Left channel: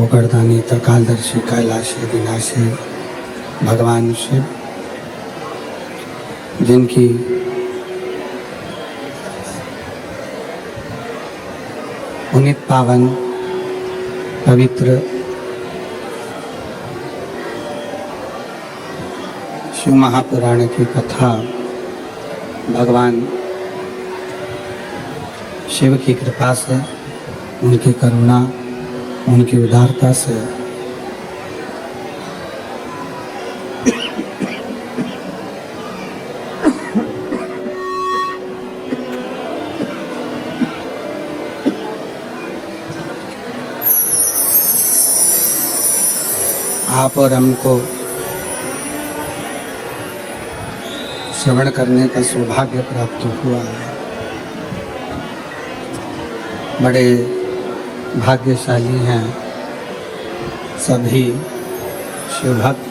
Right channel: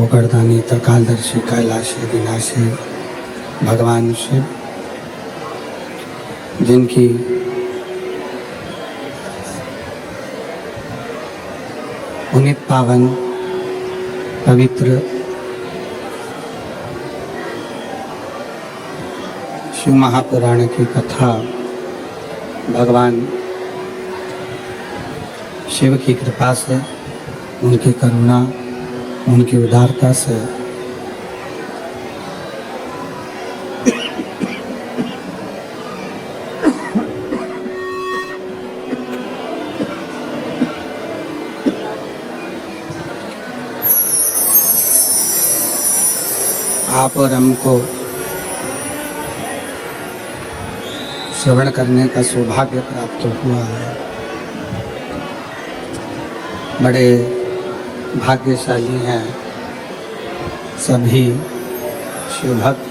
पोकड़दानी त्रिकालदर्शी कैलाशी विनाशी भगवान शिव, जिनकी पुनीत पावन पवित्र शिव महापुराण की कथा भगवान शिव की कृपा से, उनकी करुणा, उनकी उदारता से आप और हमको श्रवण करने का सौभाग्य प्राप्त हुआ है। बड़े भाग्यशाली हैं सभी शिवभक्त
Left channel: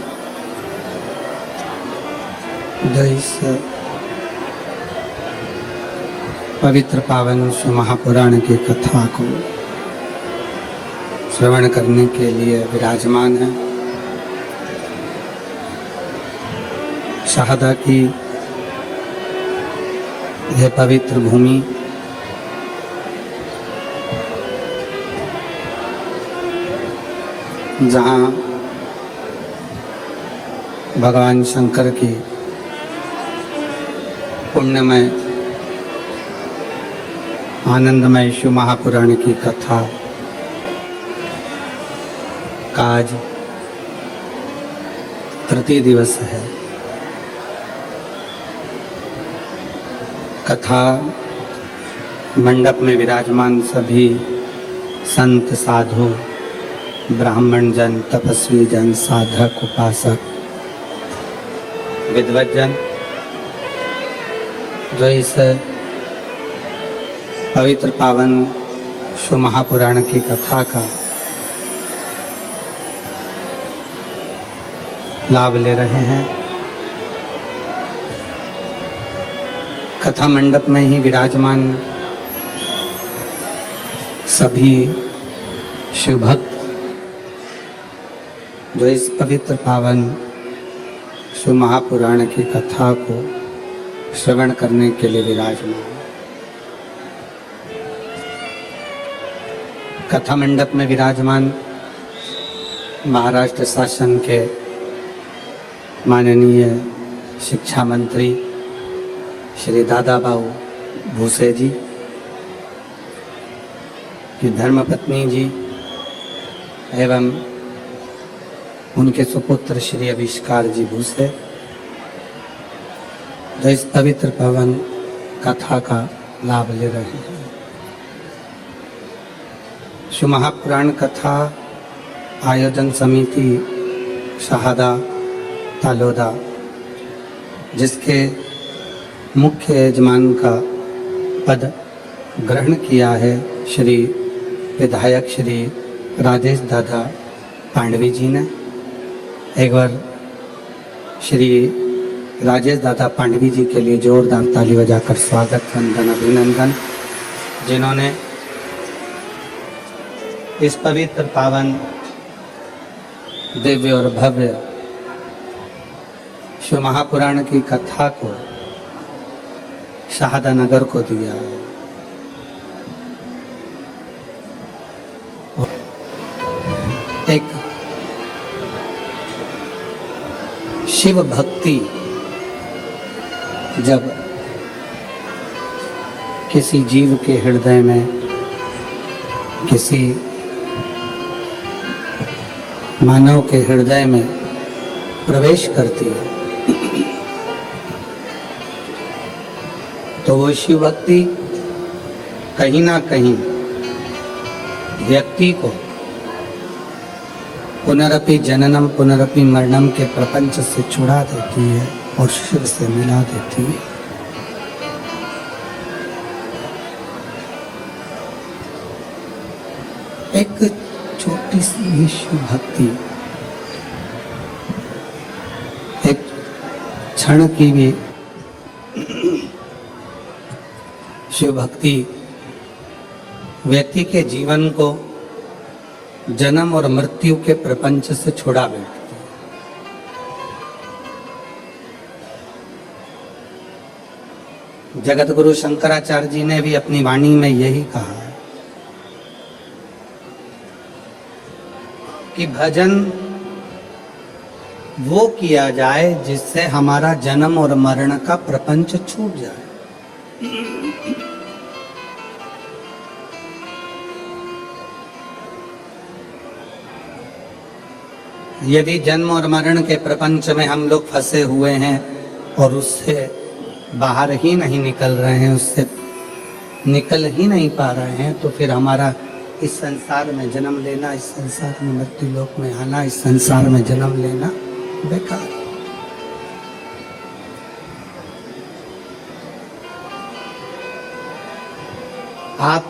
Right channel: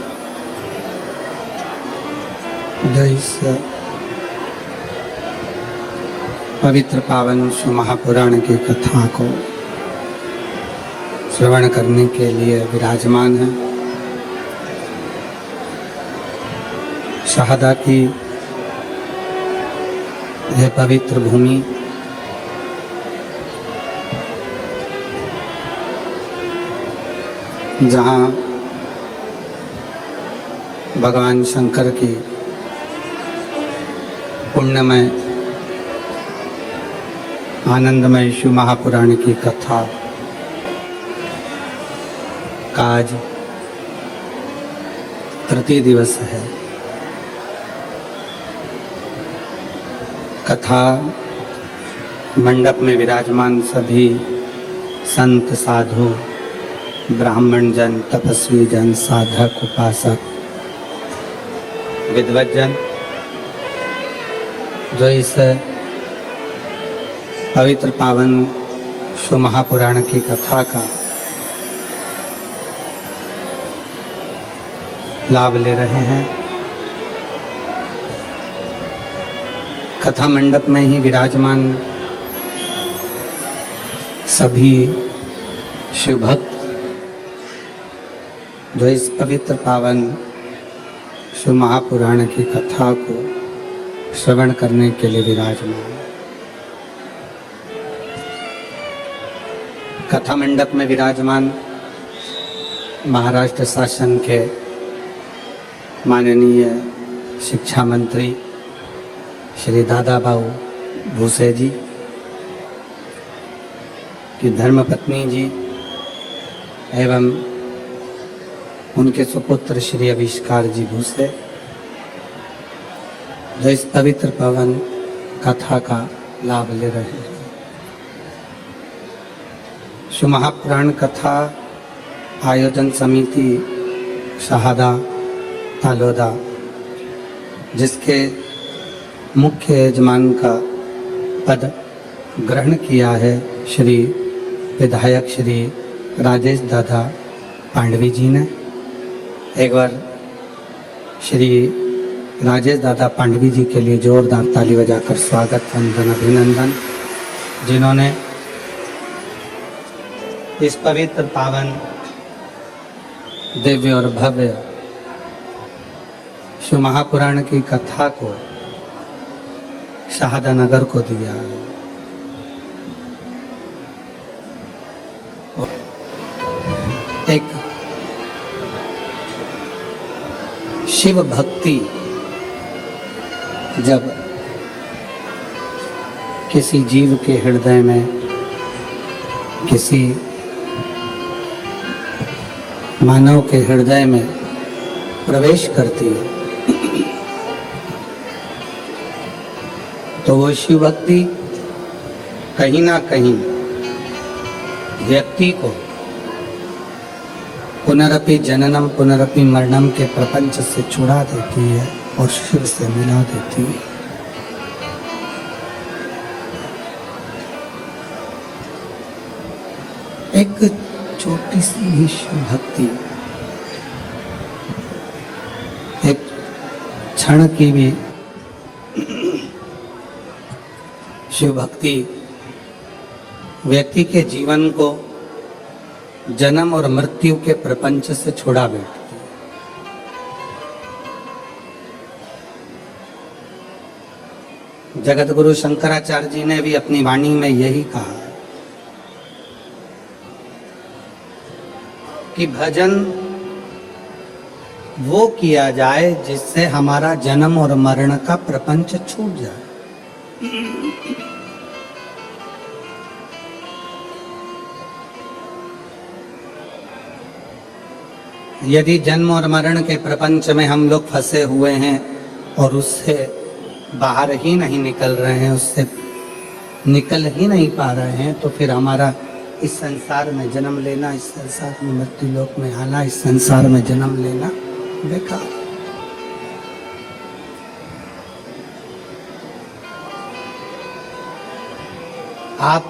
जो इस पवित्र पावन शिव महापुराण की कथा को श्रवण करने के लिए विराजमान हैं। शहादा की यह पवित्र भूमि जहाँ भगवान शंकर की पुण्यमय आनंदमय शिव महापुराण की कथा का आज तृतीय दिवस है। कथा मंडप में विराजमान सभी संत साधु, ब्राह्मण जन, तपस्वी जन, साधक, उपासक, विद्वत जन जो इस पवित्र पावन शिव महापुराण की कथा का लाभ ले रहे हैं। कथा मंडप में ही विराजमान सभी शिव भक्त जो इस पवित्र पावन शिव महापुराण की कथा को श्रवण करने के लिए विराजमान। कथा मंडप में विराजमान महाराष्ट्र शासन के माननीय शिक्षा मंत्री श्री दादाबाऊ भूसे जी की धर्मपत्नी जी एवं उनके सुपुत्र श्री आविष्कार जी भूसे जो इस पवित्र पावन कथा का लाभ ले रहे हैं। शिव महापुराण कथा आयोजन समिति शहादा तालोदा, जिसके मुख्य यजमान का पद ग्रहण किया है श्री विधायक श्री राजेश दादा पांडवी जी ने। एक बार श्री राजेश दादा पांडवी जी के लिए जोरदार ताली बजाकर स्वागत, वंदन, अभिनंदन, जिन्होंने इस पवित्र पावन दिव्य और भव्य शिव महापुराण की कथा को शहादा नगर को दिया। एक शिव भक्ति जब किसी जीव के हृदय में, किसी मानव के हृदय में प्रवेश करती है तो वो शिव भक्ति कहीं ना कहीं व्यक्ति को पुनरपि जननम पुनरपि मरणम के प्रपंच से छुड़ा देती है और शिव से मिला देती है। एक छोटी सी ही शिव भक्ति, एक क्षण की भी शिव भक्ति व्यक्ति के जीवन को जन्म और मृत्यु के प्रपंच से छुड़ा बैठती है। जगत गुरु शंकराचार्य जी ने भी अपनी वाणी में यही कहा कि भजन वो किया जाए जिससे हमारा जन्म और मरण का प्रपंच छूट जाए। यदि जन्म और मरण के प्रपंच में हम लोग फंसे हुए हैं और उससे बाहर ही नहीं निकल रहे हैं, उससे निकल ही नहीं पा रहे हैं, तो फिर हमारा इस संसार में जन्म लेना, इस संसार में मृत्यु लोक में आना, इस संसार में जन्म लेना बेकार। आप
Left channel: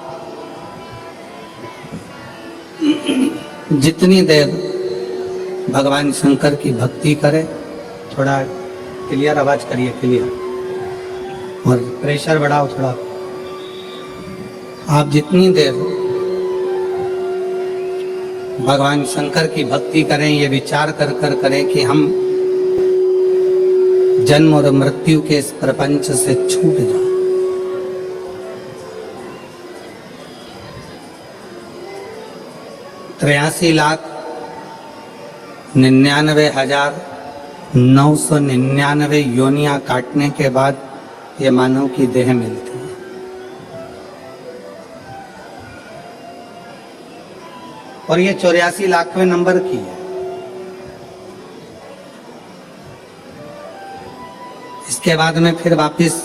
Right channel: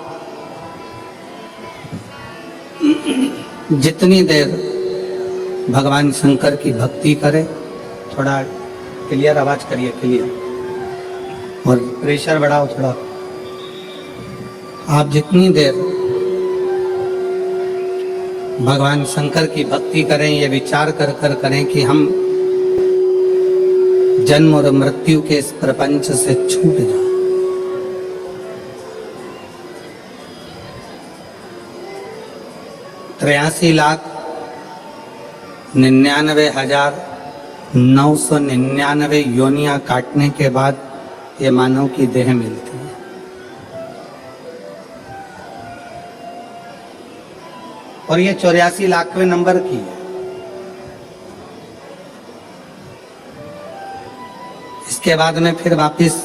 जितनी देर भगवान शंकर की भक्ति करें, थोड़ा क्लियर आवाज करिए, क्लियर, और प्रेशर बढ़ाओ थोड़ा। आप जितनी देर भगवान शंकर की भक्ति करें, ये विचार कर कर करें कि हम जन्म और मृत्यु के इस प्रपंच से छूट जाए। त्र्यासी लाख 99,999 योनियां काटने के बाद ये मानव की देह मिलती है। और ये 84 लाखवें नंबर की है। इसके बाद में फिर वापस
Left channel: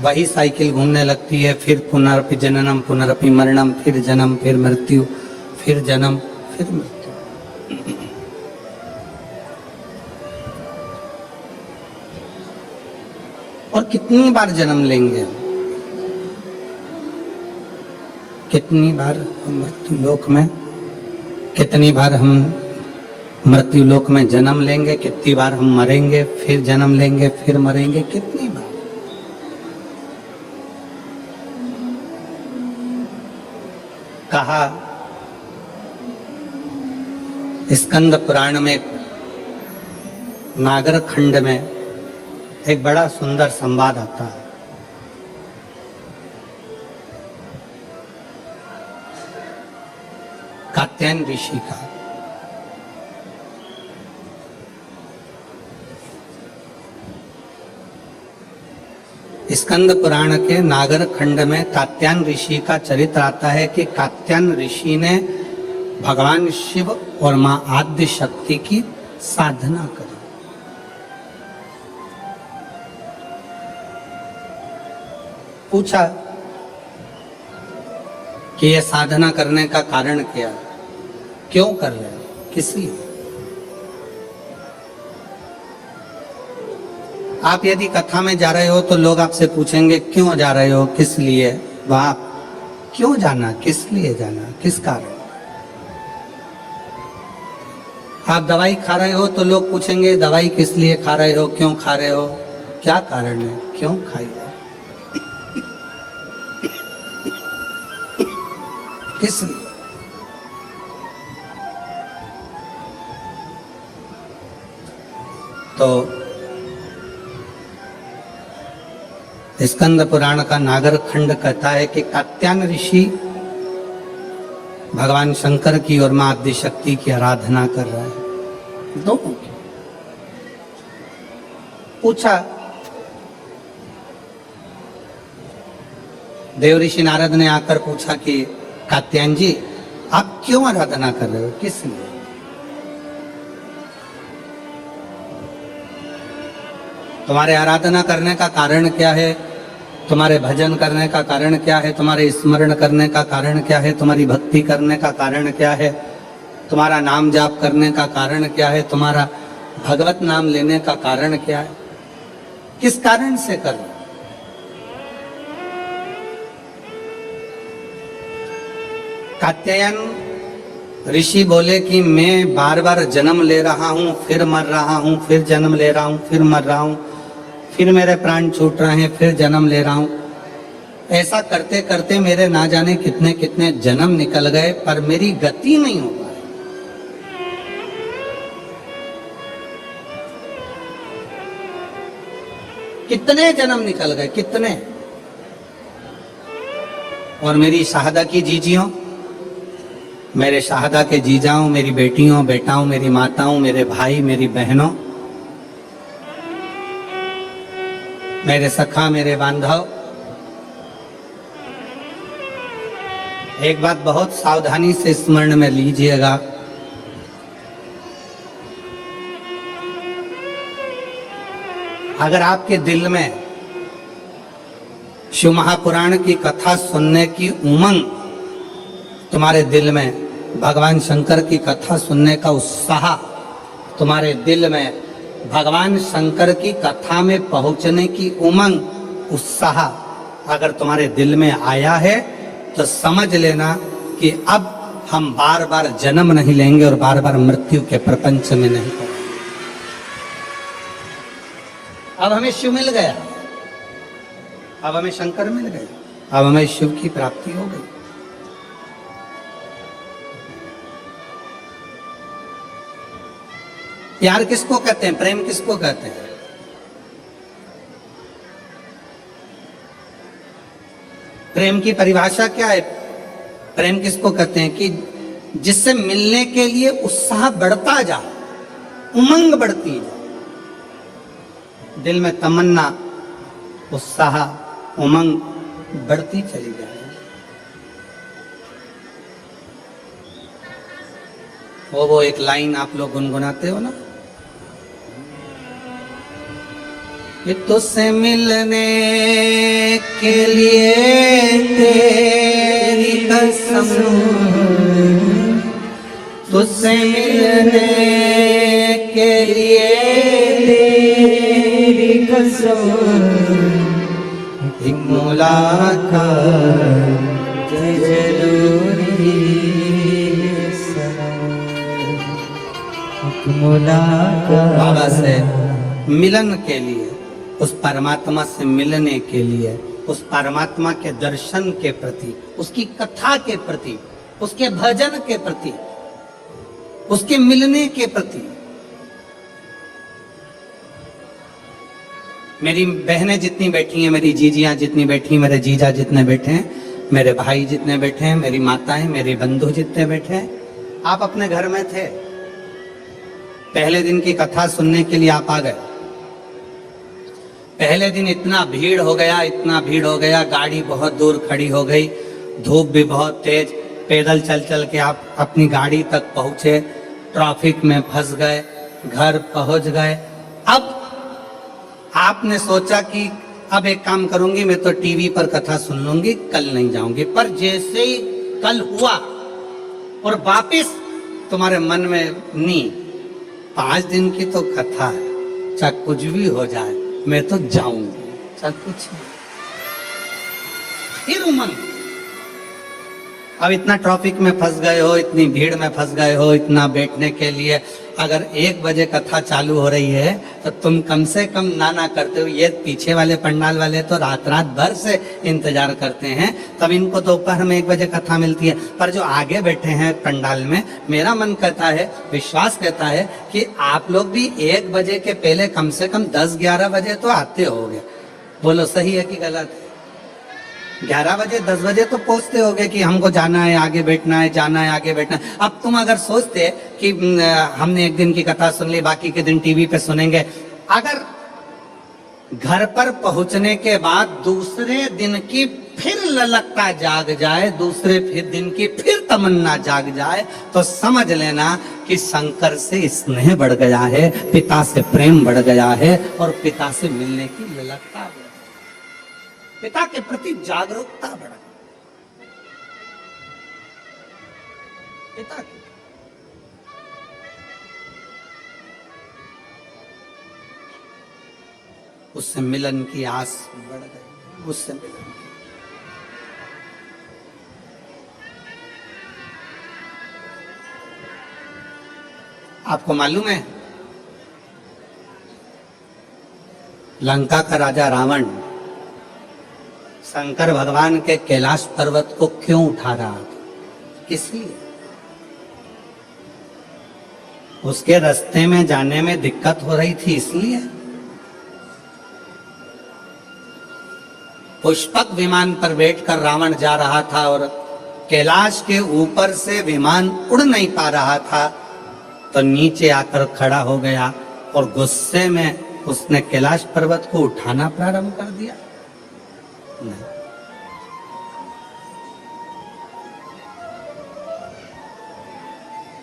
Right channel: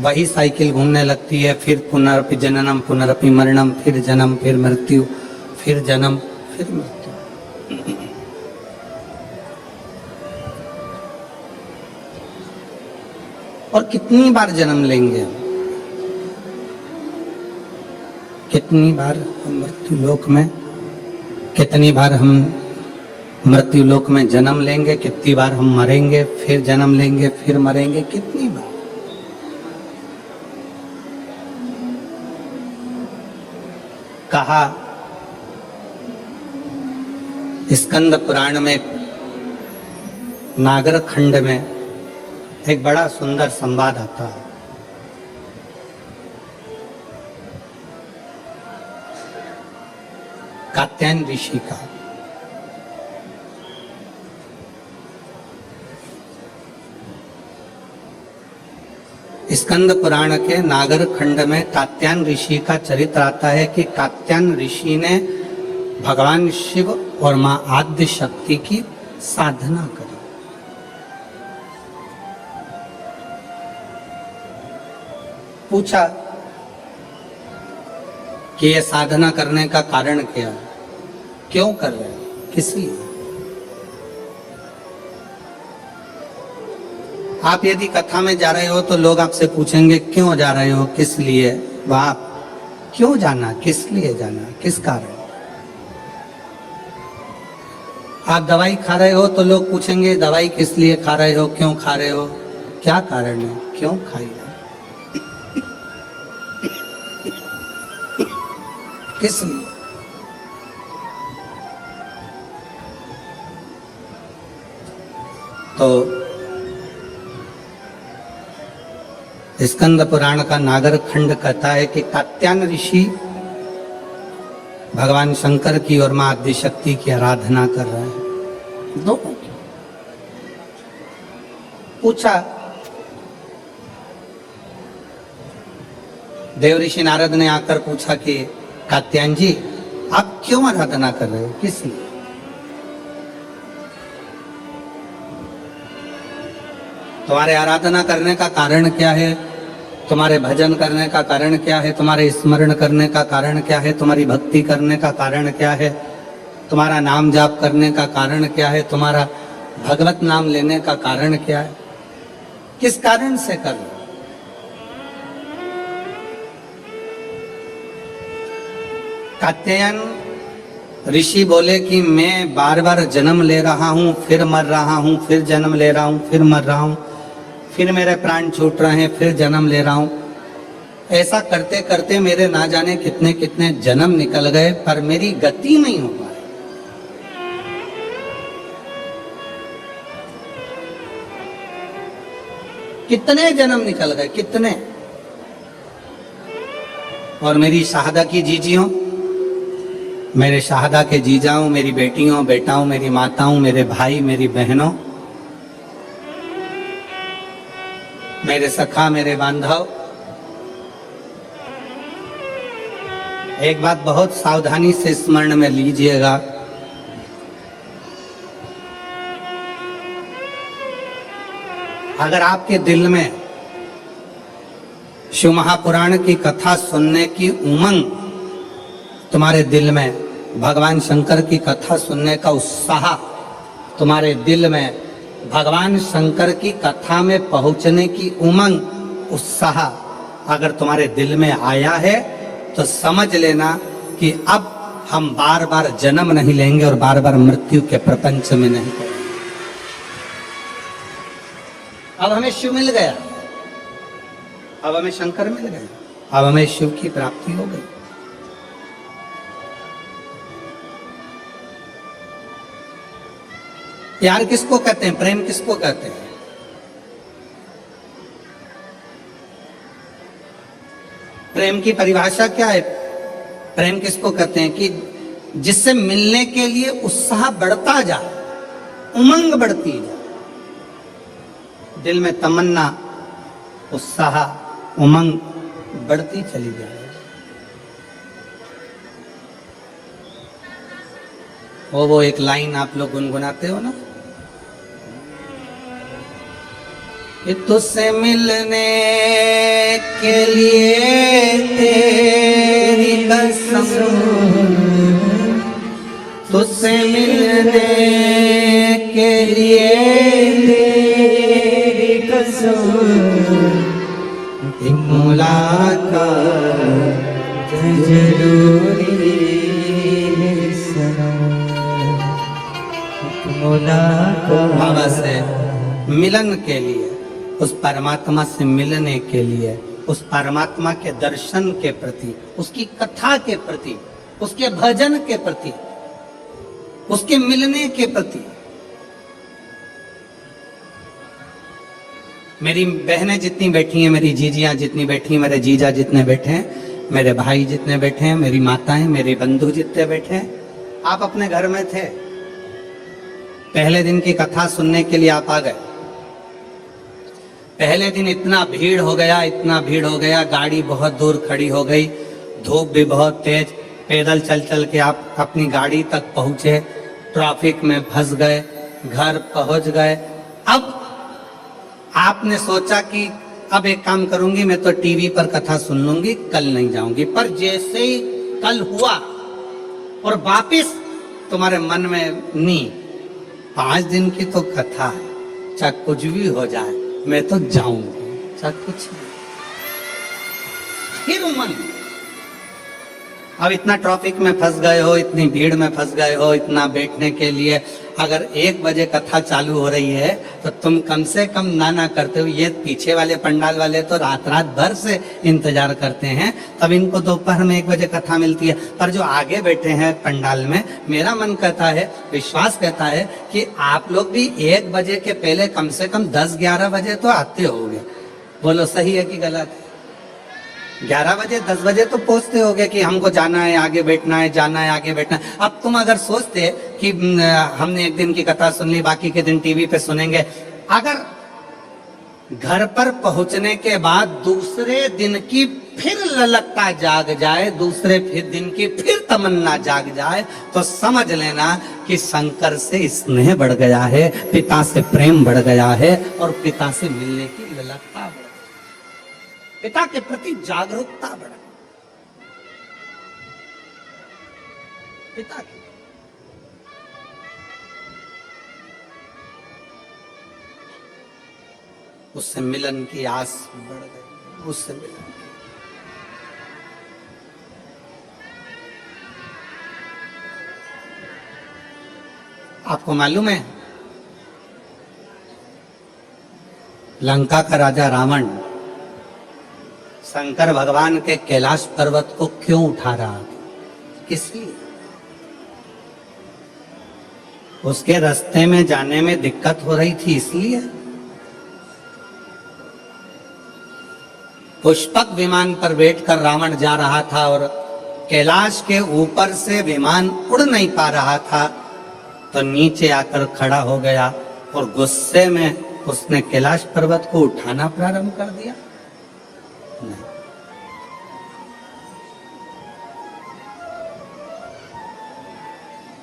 वही साइकिल घूमने लगती है, फिर पुनरपि जननम पुनरपि मरणम, फिर जन्म, फिर मृत्यु, फिर जन्म, फिर मृत्यु। और कितनी बार जन्म लेंगे, कितनी बार हम मृत्यु लोक में, कितनी बार हम मृत्यु लोक में जन्म लेंगे, कितनी बार हम मरेंगे, फिर जन्म लेंगे, फिर मरेंगे, कितनी बार। कहा स्कंद पुराण में नागर खंड में एक बड़ा सुंदर संवाद आता है। कात्यायन ऋषि का। स्कंद पुराण के नागर खंड में कात्यायन ऋषि का चरित्र आता है कि कात्यायन ऋषि ने भगवान शिव और मां आद्य शक्ति की साधना करी। पूछा कि यह साधना करने का कारण क्या है, क्यों कर रहे हो, किस लिए। आप यदि कथा में जा रहे हो तो लोग आपसे पूछेंगे क्यों जा रहे हो, किस लिए, वहां क्यों जाना, किस लिए जाना, किस कारण। आप दवाई खा रहे हो तो लोग पूछेंगे दवाई किस लिए खा रहे हो, क्यों खा रहे हो, क्या कारण है, क्यों खाई हो, किस लिए। तो स्कंद पुराण का नागर खंड कहता है कि कात्यायन ऋषि भगवान शंकर की और मां आद्य शक्ति की आराधना कर रहे हैं, दोनों की। पूछा, देव ऋषि नारद ने आकर पूछा कि कात्यायन जी आप क्यों आराधना कर रहे हो, किस लिए। तुम्हारे आराधना करने का कारण क्या है, तुम्हारे भजन करने का कारण क्या है, तुम्हारे स्मरण करने का कारण क्या है, तुम्हारी भक्ति करने का कारण क्या है, तुम्हारा नाम जाप करने का कारण क्या है, तुम्हारा भगवत नाम लेने का कारण क्या है, किस कारण से कर रहे हो। कात्यायन ऋषि बोले कि मैं बार बार जन्म ले रहा हूं, फिर मर रहा हूं, फिर जन्म ले रहा हूं, फिर मर रहा हूं, फिर मेरे प्राण छूट रहे हैं, फिर जन्म ले रहा हूं। ऐसा करते करते मेरे ना जाने कितने कितने जन्म निकल गए, पर मेरी गति नहीं हो पाई। कितने जन्म निकल गए, कितने। और मेरी शाहदा की जीजियों, मेरे शाहदा के जीजाओं, मेरी बेटियों बेटाओं, मेरी माताओं, मेरे भाई मेरी बहनों, मेरे सखा मेरे बांधव, एक बात बहुत सावधानी से स्मरण में लीजिएगा। अगर आपके दिल में शिव महापुराण की कथा सुनने की उमंग, तुम्हारे दिल में भगवान शंकर की कथा सुनने का उत्साह, तुम्हारे दिल में भगवान शंकर की कथा में पहुंचने की उमंग, उत्साह अगर तुम्हारे दिल में आया है तो समझ लेना कि अब हम बार बार जन्म नहीं लेंगे और बार बार मृत्यु के प्रपंच में नहीं पड़ेंगे। अब हमें शिव मिल गया, अब हमें शंकर मिल गए, अब हमें शिव की प्राप्ति हो गई। प्यार किसको कहते हैं, प्रेम किसको कहते हैं? प्रेम की परिभाषा क्या है? प्रेम किसको कहते हैं कि जिससे मिलने के लिए उत्साह बढ़ता जाए, उमंग बढ़ती जाए, दिल में तमन्ना, उत्साह, उमंग बढ़ती चली जाए। वो एक लाइन आप लोग गुनगुनाते हो ना, कि तुझसे मिलने के लिए तेरी कसम, तुझसे मिलने के लिए तेरी कसम, एक मुलाकात जरूरी है सनम, एक मुलाकात। बाबा से मिलन के लिए, उस परमात्मा से मिलने के लिए, उस परमात्मा के दर्शन के प्रति, उसकी कथा के प्रति, उसके भजन के प्रति, उसके मिलने के प्रति। मेरी बहनें जितनी बैठी हैं, मेरी जीजियां जितनी बैठी हैं, मेरे जीजा जितने बैठे हैं, मेरे भाई जितने बैठे हैं, मेरी माताएं, मेरे बंधु जितने बैठे हैं, आप अपने घर में थे, पहले दिन की कथा सुनने के लिए आप आ गए। पहले दिन इतना भीड़ हो गया, इतना भीड़ हो गया, गाड़ी बहुत दूर खड़ी हो गई, धूप भी बहुत तेज, पैदल चल चल के आप अपनी गाड़ी तक पहुंचे, ट्रैफिक में फंस गए, घर पहुंच गए। अब आपने सोचा कि अब एक काम करूंगी, मैं तो टीवी पर कथा सुन लूंगी, कल नहीं जाऊंगी। पर जैसे ही कल हुआ और वापिस तुम्हारे मन में नी, 5 दिन की तो कथा है, चाहे कुछ भी हो जाए मैं तो जाऊंगी, चाहे कुछ। फिर उमंग, अब इतना ट्रैफिक में फंस गए हो, इतनी भीड़ में फंस गए हो, इतना बैठने के लिए अगर 1 बजे कथा चालू हो रही है तो तुम कम से कम ना करते हो। ये पीछे वाले पंडाल वाले तो रात भर से इंतजार करते हैं, तब इनको दोपहर में 1 बजे कथा मिलती है। पर जो आगे बैठे हैं पंडाल में, मेरा मन कहता है, विश्वास कहता है कि आप लोग भी 1 बजे के पहले कम से कम 10-11 बजे तो आते होगे। बोलो सही है कि गलत है? 11 बजे 10 बजे तो पहुंचते होगे कि हमको जाना है, आगे बैठना है, जाना है, आगे बैठना है। अब तुम अगर सोचते कि हमने एक दिन की कथा सुन ली, बाकी के दिन टीवी पे सुनेंगे, अगर घर पर पहुंचने के बाद दूसरे दिन की फिर ललकता जाग जाए, दूसरे फिर दिन की फिर तमन्ना जाग जाए, तो समझ लेना कि शंकर से स्नेह बढ़ गया है, पिता से प्रेम बढ़ गया है और पिता से मिलने की ललकता है, पिता के प्रति जागरूकता बढ़ गई। पिता की उससे मिलन की आस बढ़ गई, उससे मिलन की। आपको मालूम है, लंका का राजा रावण शंकर भगवान के कैलाश पर्वत को क्यों उठा रहा था, किस लिए? उसके रास्ते में जाने में दिक्कत हो रही थी इसलिए। पुष्पक विमान पर बैठकर रावण जा रहा था और कैलाश के ऊपर से विमान उड़ नहीं पा रहा था, तो नीचे आकर खड़ा हो गया और गुस्से में उसने कैलाश पर्वत को उठाना प्रारंभ कर दिया। नहीं।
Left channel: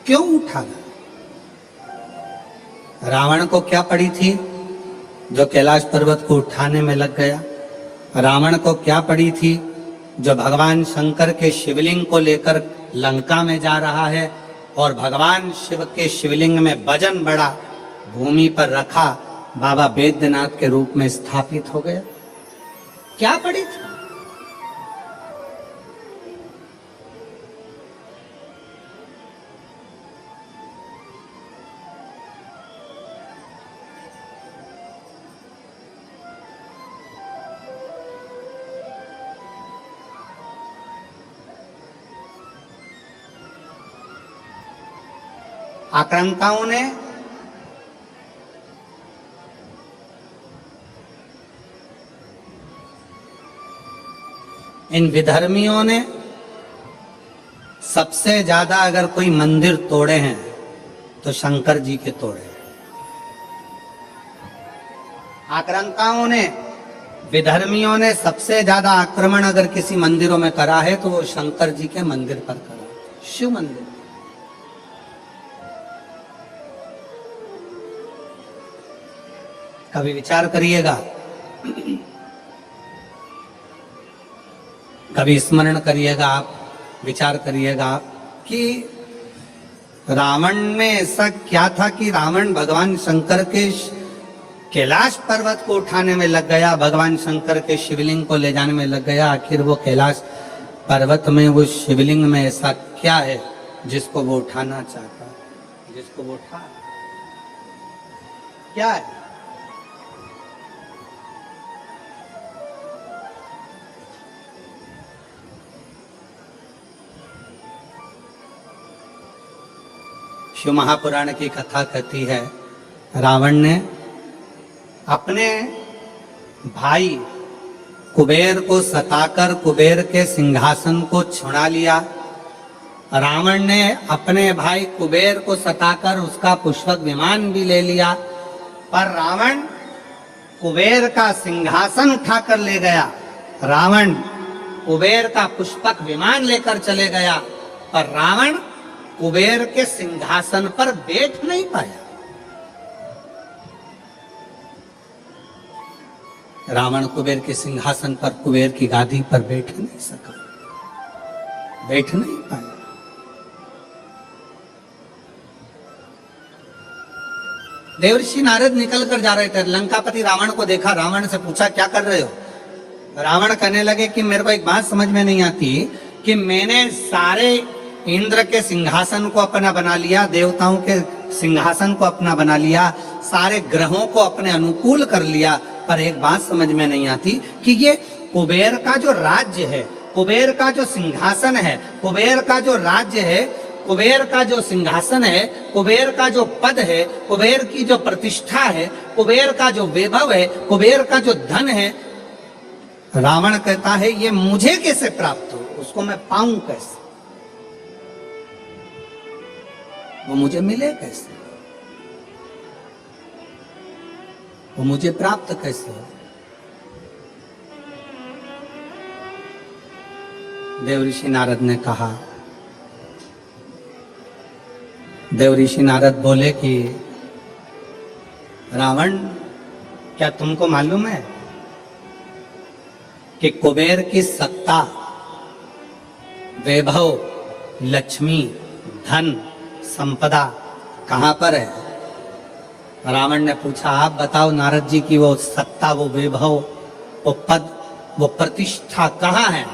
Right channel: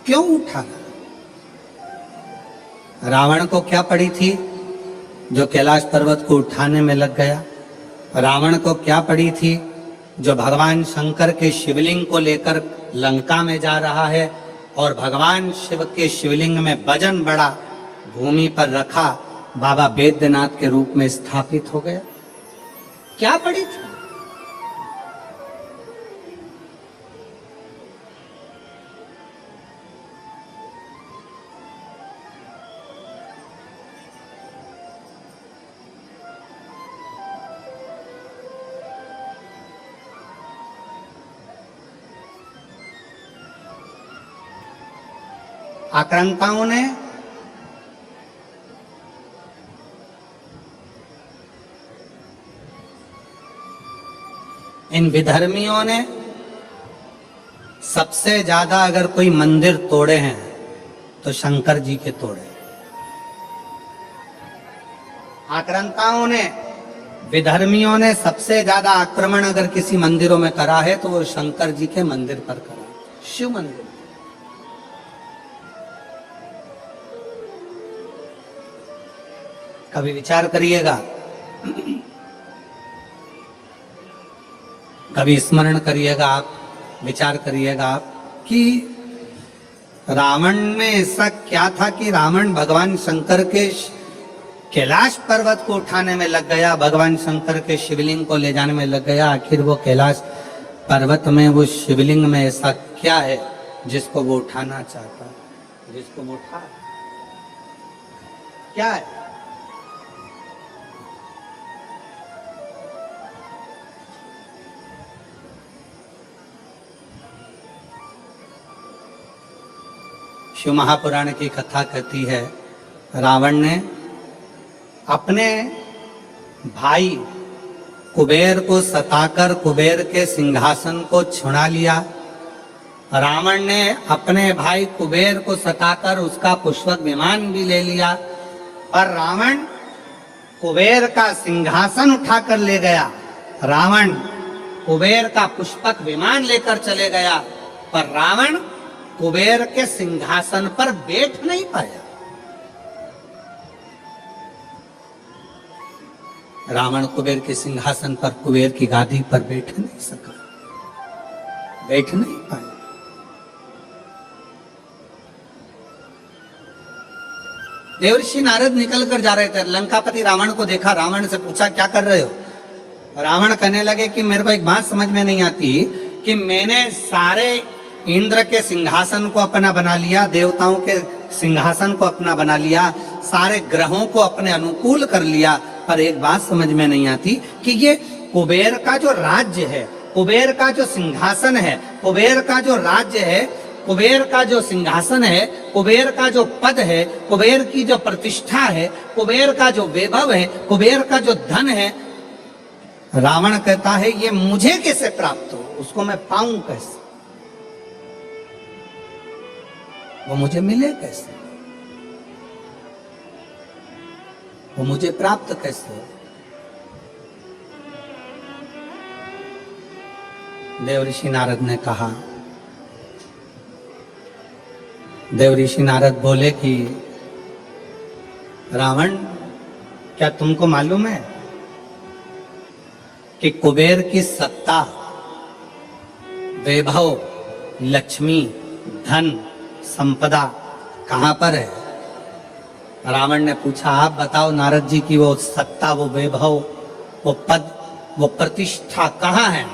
क्यों उठाना? रावण को क्या पड़ी थी जो कैलाश पर्वत को उठाने में लग गया? रावण को क्या पड़ी थी जो भगवान शंकर के शिवलिंग को लेकर लंका में जा रहा है और भगवान शिव के शिवलिंग में वजन बड़ा भूमि पर रखा, बाबा बैद्यनाथ के रूप में स्थापित हो गया? क्या पड़ी थी? आक्रांताओं ने इन विधर्मियों ने सबसे ज्यादा अगर कोई मंदिर तोड़े हैं तो शंकर जी के तोड़े हैं। आक्रांताओं ने, विधर्मियों ने सबसे ज्यादा आक्रमण अगर किसी मंदिरों में करा है तो वो शंकर जी के मंदिर पर करा, शिव मंदिर। कभी विचार करिएगा, कभी स्मरण करिएगा आप, विचार करिएगा आप कि रावण में ऐसा क्या था कि रावण भगवान शंकर के कैलाश पर्वत को उठाने में लग गया, भगवान शंकर के शिवलिंग को ले जाने में लग गया। आखिर वो कैलाश पर्वत में, वो शिवलिंग में ऐसा क्या है जिसको वो उठाना चाहता है, जिसको वो उठा? क्या है? शिव महापुराण की कथा कहती है, रावण ने अपने भाई कुबेर को सताकर कुबेर के सिंहासन को छुड़ा लिया। रावण ने अपने भाई कुबेर को सताकर उसका पुष्पक विमान भी ले लिया, पर रावण कुबेर का सिंहासन उठाकर ले गया। रावण कुबेर का पुष्पक विमान लेकर चले गया, पर रावण कुबेर के सिंहासन पर बैठ नहीं पाया। रावण कुबेर के सिंहासन पर, कुबेर की गादी पर बैठ नहीं सका, बैठ नहीं पाया। देवर्षि नारद निकल कर जा रहे थे, लंकापति रावण को देखा, रावण से पूछा क्या कर रहे हो? रावण कहने लगे कि मेरे को एक बात समझ में नहीं आती कि मैंने सारे इंद्र के सिंहासन को अपना बना लिया, देवताओं के सिंहासन को अपना बना लिया, सारे ग्रहों को अपने अनुकूल कर लिया, पर एक बात समझ में नहीं आती कि ये कुबेर का जो राज्य है, कुबेर का जो सिंहासन है, कुबेर का जो राज्य है, कुबेर का जो सिंहासन है, कुबेर का जो पद है, कुबेर की जो प्रतिष्ठा है, कुबेर का जो वैभव है, कुबेर का जो धन है, रावण कहता है ये मुझे कैसे प्राप्त हो, उसको मैं पाऊं कैसे, वो मुझे मिले कैसे, वो मुझे प्राप्त कैसे हो? देवऋषि नारद ने कहा, देवऋषि नारद बोले कि रावण, क्या तुमको मालूम है कि कुबेर की सत्ता, वैभव, लक्ष्मी, धन, संपदा कहां पर है? रावण ने पूछा, आप बताओ नारद जी की वो सत्ता, वो वैभव, वो पद, वो प्रतिष्ठा कहां है?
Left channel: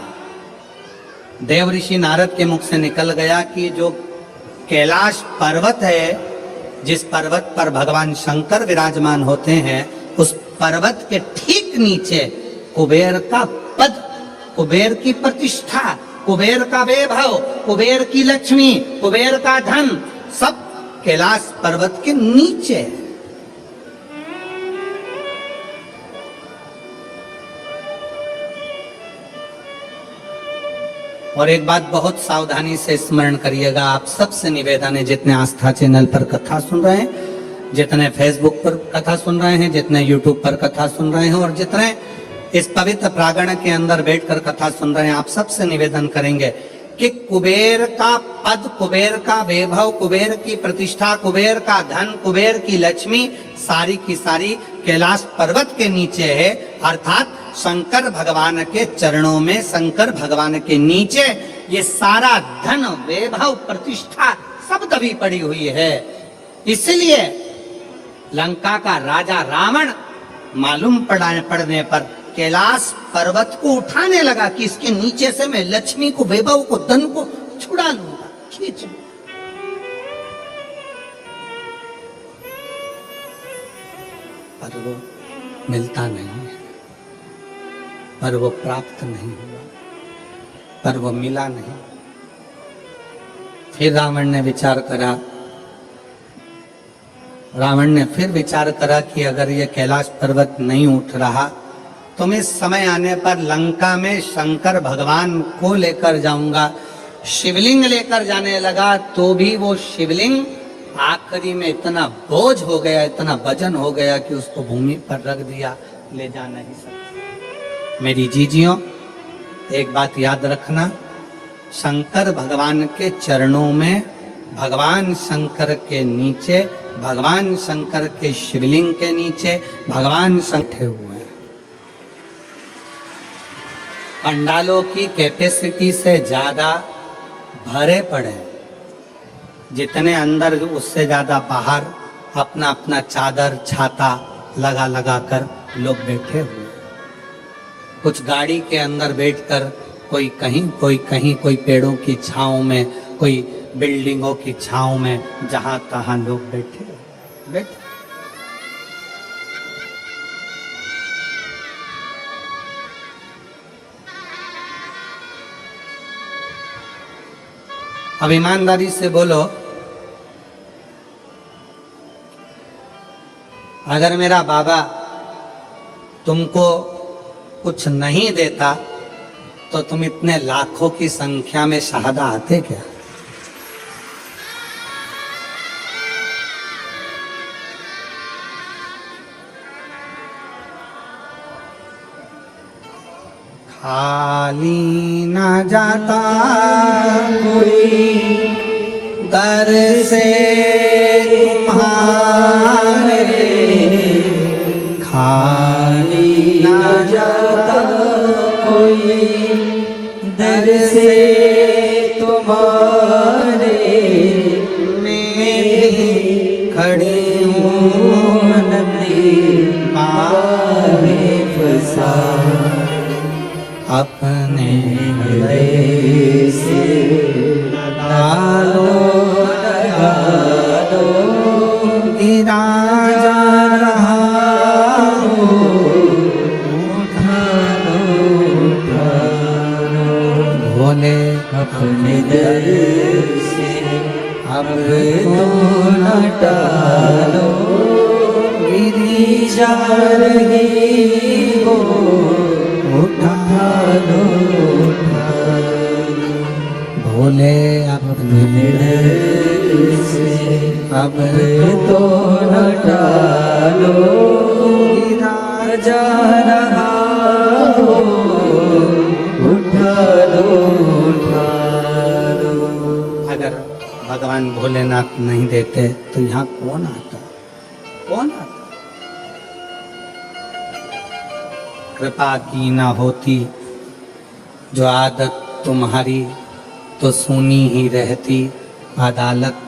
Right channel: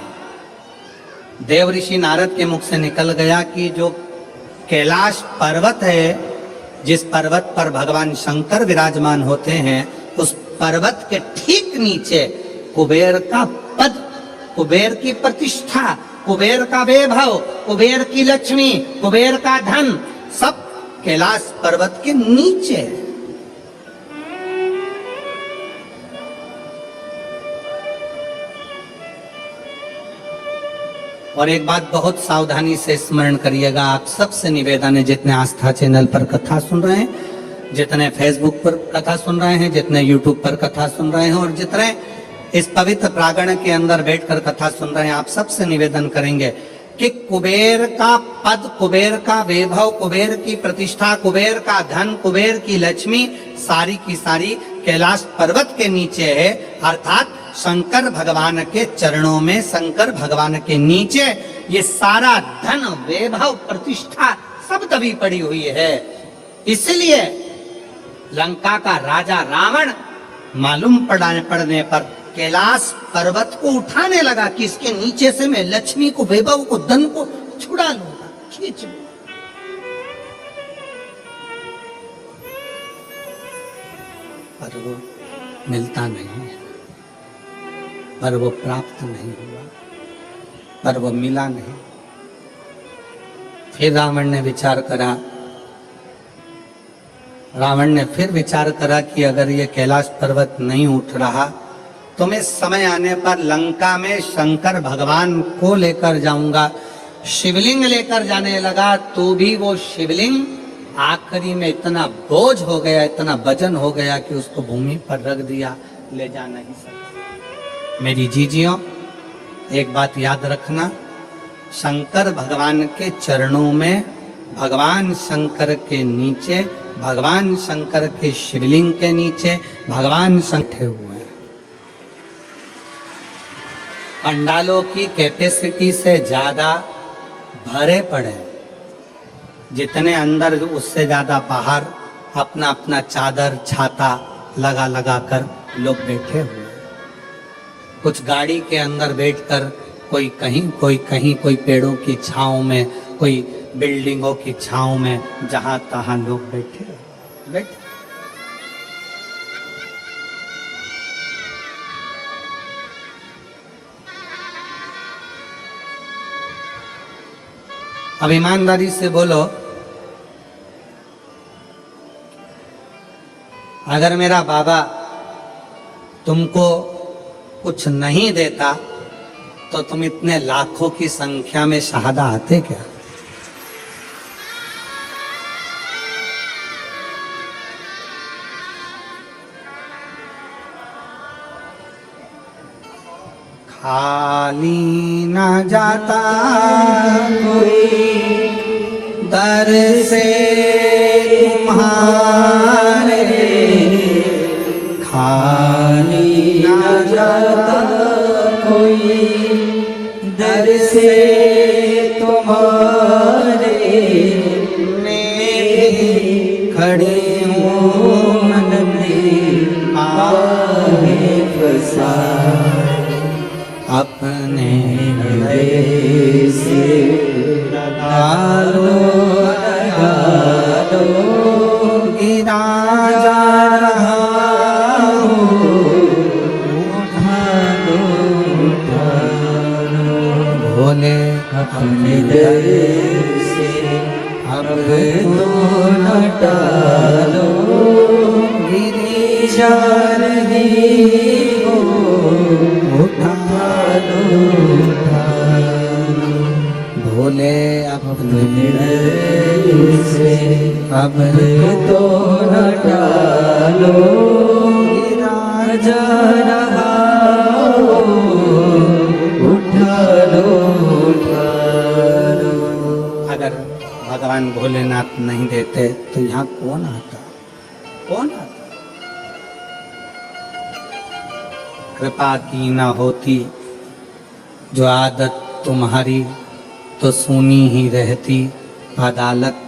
देवऋषि नारद के मुख से निकल गया कि जो कैलाश पर्वत है, जिस पर्वत पर भगवान शंकर विराजमान होते हैं, उस पर्वत के ठीक नीचे कुबेर का पद कुबेर की प्रतिष्ठा, कुबेर का वैभव, कुबेर की लक्ष्मी, कुबेर का धन सब कैलाश पर्वत के नीचे है। और एक बात बहुत सावधानी से स्मरण करिएगा, आप सबसे निवेदन है, जितने आस्था चैनल पर कथा सुन रहे हैं, जितने फेसबुक पर कथा सुन रहे हैं, जितने यूट्यूब पर कथा सुन रहे हैं और जितने इस पवित्र प्रांगण के अंदर बैठकर कथा सुन रहे हैं, आप सबसे निवेदन करेंगे कि कुबेर का पद, कुबेर का वैभव, कुबेर की प्रतिष्ठा, कुबेर का धन, कुबेर की लक्ष्मी सारी की सारी कैलाश पर्वत के नीचे है। अर्थात शंकर भगवान के चरणों में, शंकर भगवान के नीचे ये सारा धन, वैभव, प्रतिष्ठा सब दबी पड़ी हुई है। इसलिए लंका का राजा रावण मालूम पड़ने पर कैलाश पर्वत को उठाने लगा कि इसके नीचे से मैं लक्ष्मी को, वैभव को, धन को छुड़ा लूंगा, खींच लूंगा। पर वो मिलता नहीं है, पर वो प्राप्त नहीं हुआ, पर वो मिला नहीं। फिर रावण ने विचार करा, रावण ने फिर विचार करा कि अगर ये कैलाश पर्वत नहीं उठ रहा तो मैं समय आने पर लंका में शंकर भगवान को लेकर जाऊंगा। शिवलिंग लेकर जाने लगा तो भी वो शिवलिंग आखिरी में इतना बोझ हो गया, इतना वजन हो गया कि उसको भूमि पर रख दिया, ले जा नहीं सकता। मेरी जीजियों, एक बात याद रखना, शंकर भगवान के चरणों में, भगवान शंकर के नीचे, भगवान शंकर के शिवलिंग के नीचे भगवान शंकर हुए हैं। पंडालों की कैपेसिटी से ज्यादा भरे पड़े, जितने अंदर उससे ज्यादा बाहर अपना अपना चादर छाता लगा लगा कर लोग बैठे हुए। कुछ गाड़ी के अंदर बैठकर कोई कहीं, कोई कहीं, कोई पेड़ों की छांव में, कोई बिल्डिंगों की छांव में, जहां तहां लोग बैठे। अब ईमानदारी से बोलो, अगर मेरा बाबा तुमको कुछ नहीं देता तो तुम इतने लाखों की संख्या में शहादा आते क्या? खाली न जाता कोई दर से तुम्हारे, खाली न जाता कोई दर से तुम्हारे, मैं खड़ी हूँ नदी पानी फंसा, अपने हृदय से लगा लो, गिरा जा रहा हूँ, उठा लो, भोले अपने हृदय से अब तो न टालो, गिरी जा रही हो, उठा लो, भोले अपने हृदय से अब तो न टालो, गिरा जा रहा हो, उठा लो। अगर भगवान भोलेनाथ नहीं देते तो यहाँ कौन आता? कौन आता? कृपा की ना होती जो आदत तुम्हारी तो सुनी ही रहती अदालत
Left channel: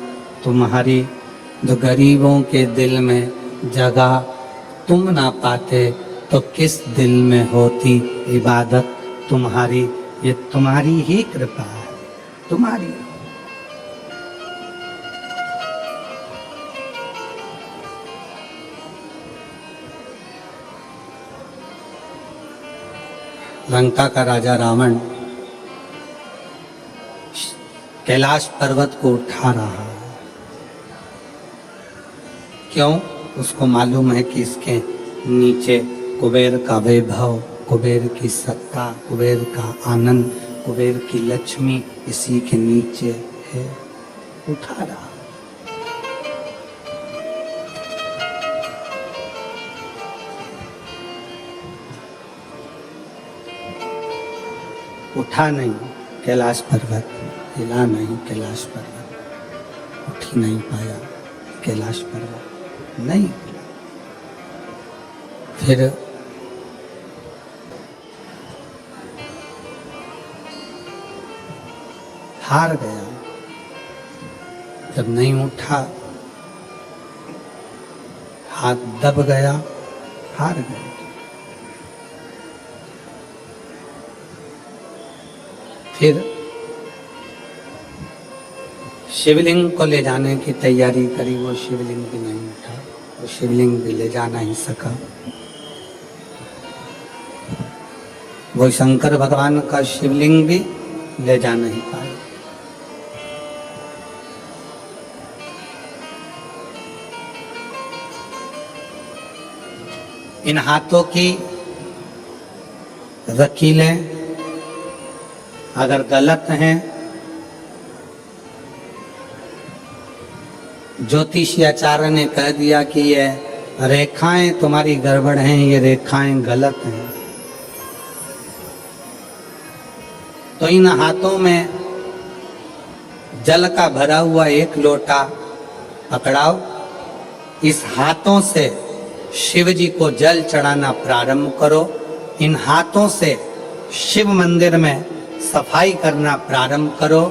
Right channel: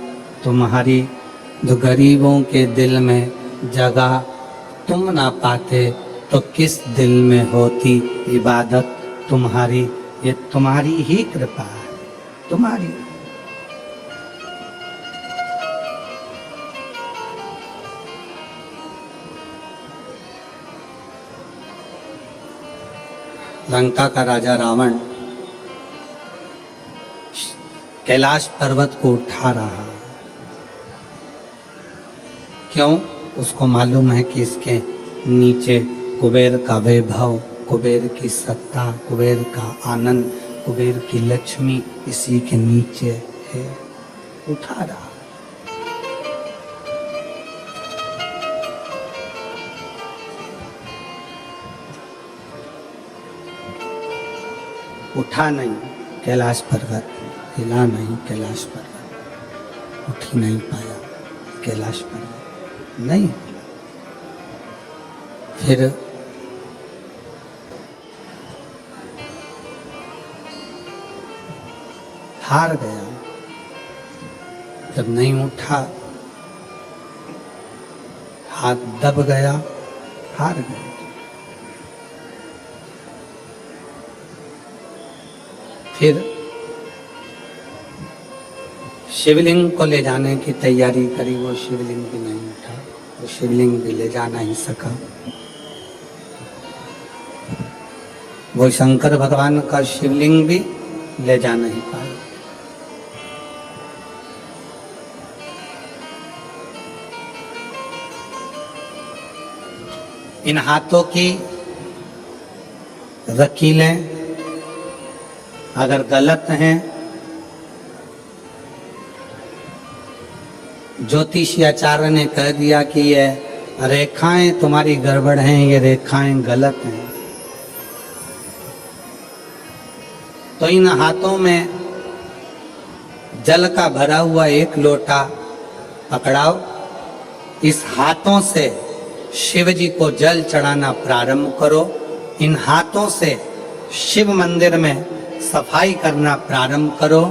तुम्हारी, जो गरीबों के दिल में जगह तुम ना पाते तो किस दिल में होती इबादत तुम्हारी। ये तुम्हारी ही कृपा है, तुम्हारी। लंका का राजा रावण कैलाश पर्वत को उठा रहा है। क्यों? उसको मालूम है कि इसके नीचे कुबेर का वैभव, कुबेर की सत्ता, कुबेर का आनंद, कुबेर की लक्ष्मी इसी के नीचे है। उठा रहा। उठा नहीं कैलाश पर्वत, हिला नहीं कैलाश पर्वत, उठ ही नहीं पाया कैलाश पर्वत, नहीं। फिर हार गया। जब नहीं उठा, हाथ दब गया, हार गया। फिर शिवलिंग को ले जाने की तैयारी करी, वो शिवलिंग भी नहीं उठा, वो शिवलिंग भी ले जा नहीं सका। वो शंकर भगवान का शिवलिंग भी ले जा नहीं पाया। इन हाथों की रकीलें अगर गलत हैं, ज्योतिषाचार्य ने कह दिया कि ये रेखाएं तुम्हारी गड़बड़ हैं, ये रेखाएं गलत हैं, तो इन हाथों में जल का भरा हुआ एक लोटा पकड़ाओ। इस हाथों से शिव जी को जल चढ़ाना प्रारंभ करो। इन हाथों से शिव मंदिर में सफाई करना प्रारंभ करो।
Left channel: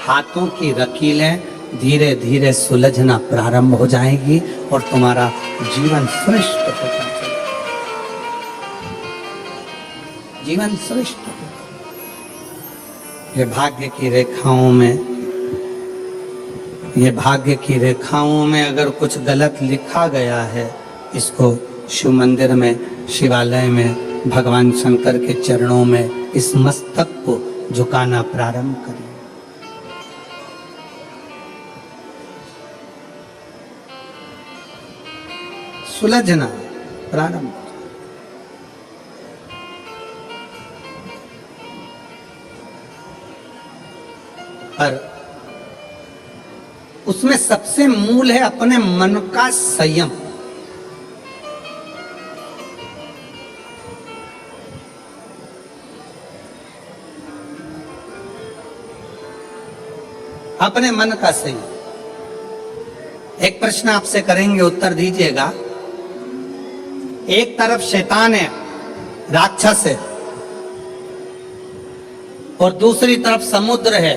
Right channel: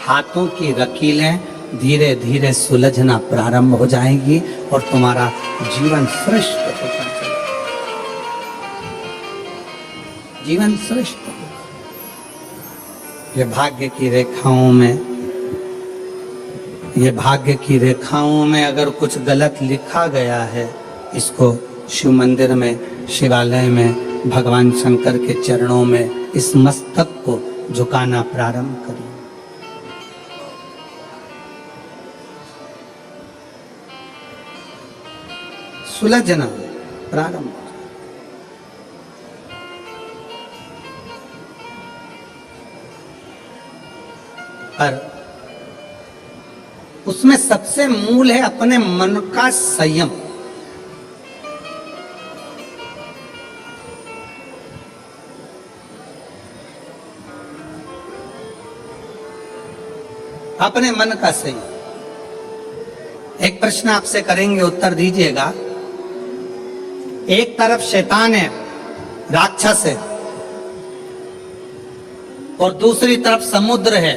हाथों की रकीलें धीरे धीरे सुलझना प्रारंभ हो जाएगी और तुम्हारा जीवन श्रेष्ठ होता चलेगा। जीवन श्रेष्ठ। ये भाग्य की रेखाओं में, ये भाग्य की रेखाओं में अगर कुछ गलत लिखा गया है, इसको शिव मंदिर में, शिवालय में, भगवान शंकर के चरणों में इस मस्तक को झुकाना प्रारंभ करिए। सुलझना प्रारंभ। पर उसमें सबसे मूल है अपने मन का संयम। अपने मन का संयम। एक प्रश्न आपसे करेंगे, उत्तर दीजिएगा। एक तरफ शैतान है, राक्षस है, और दूसरी तरफ समुद्र है।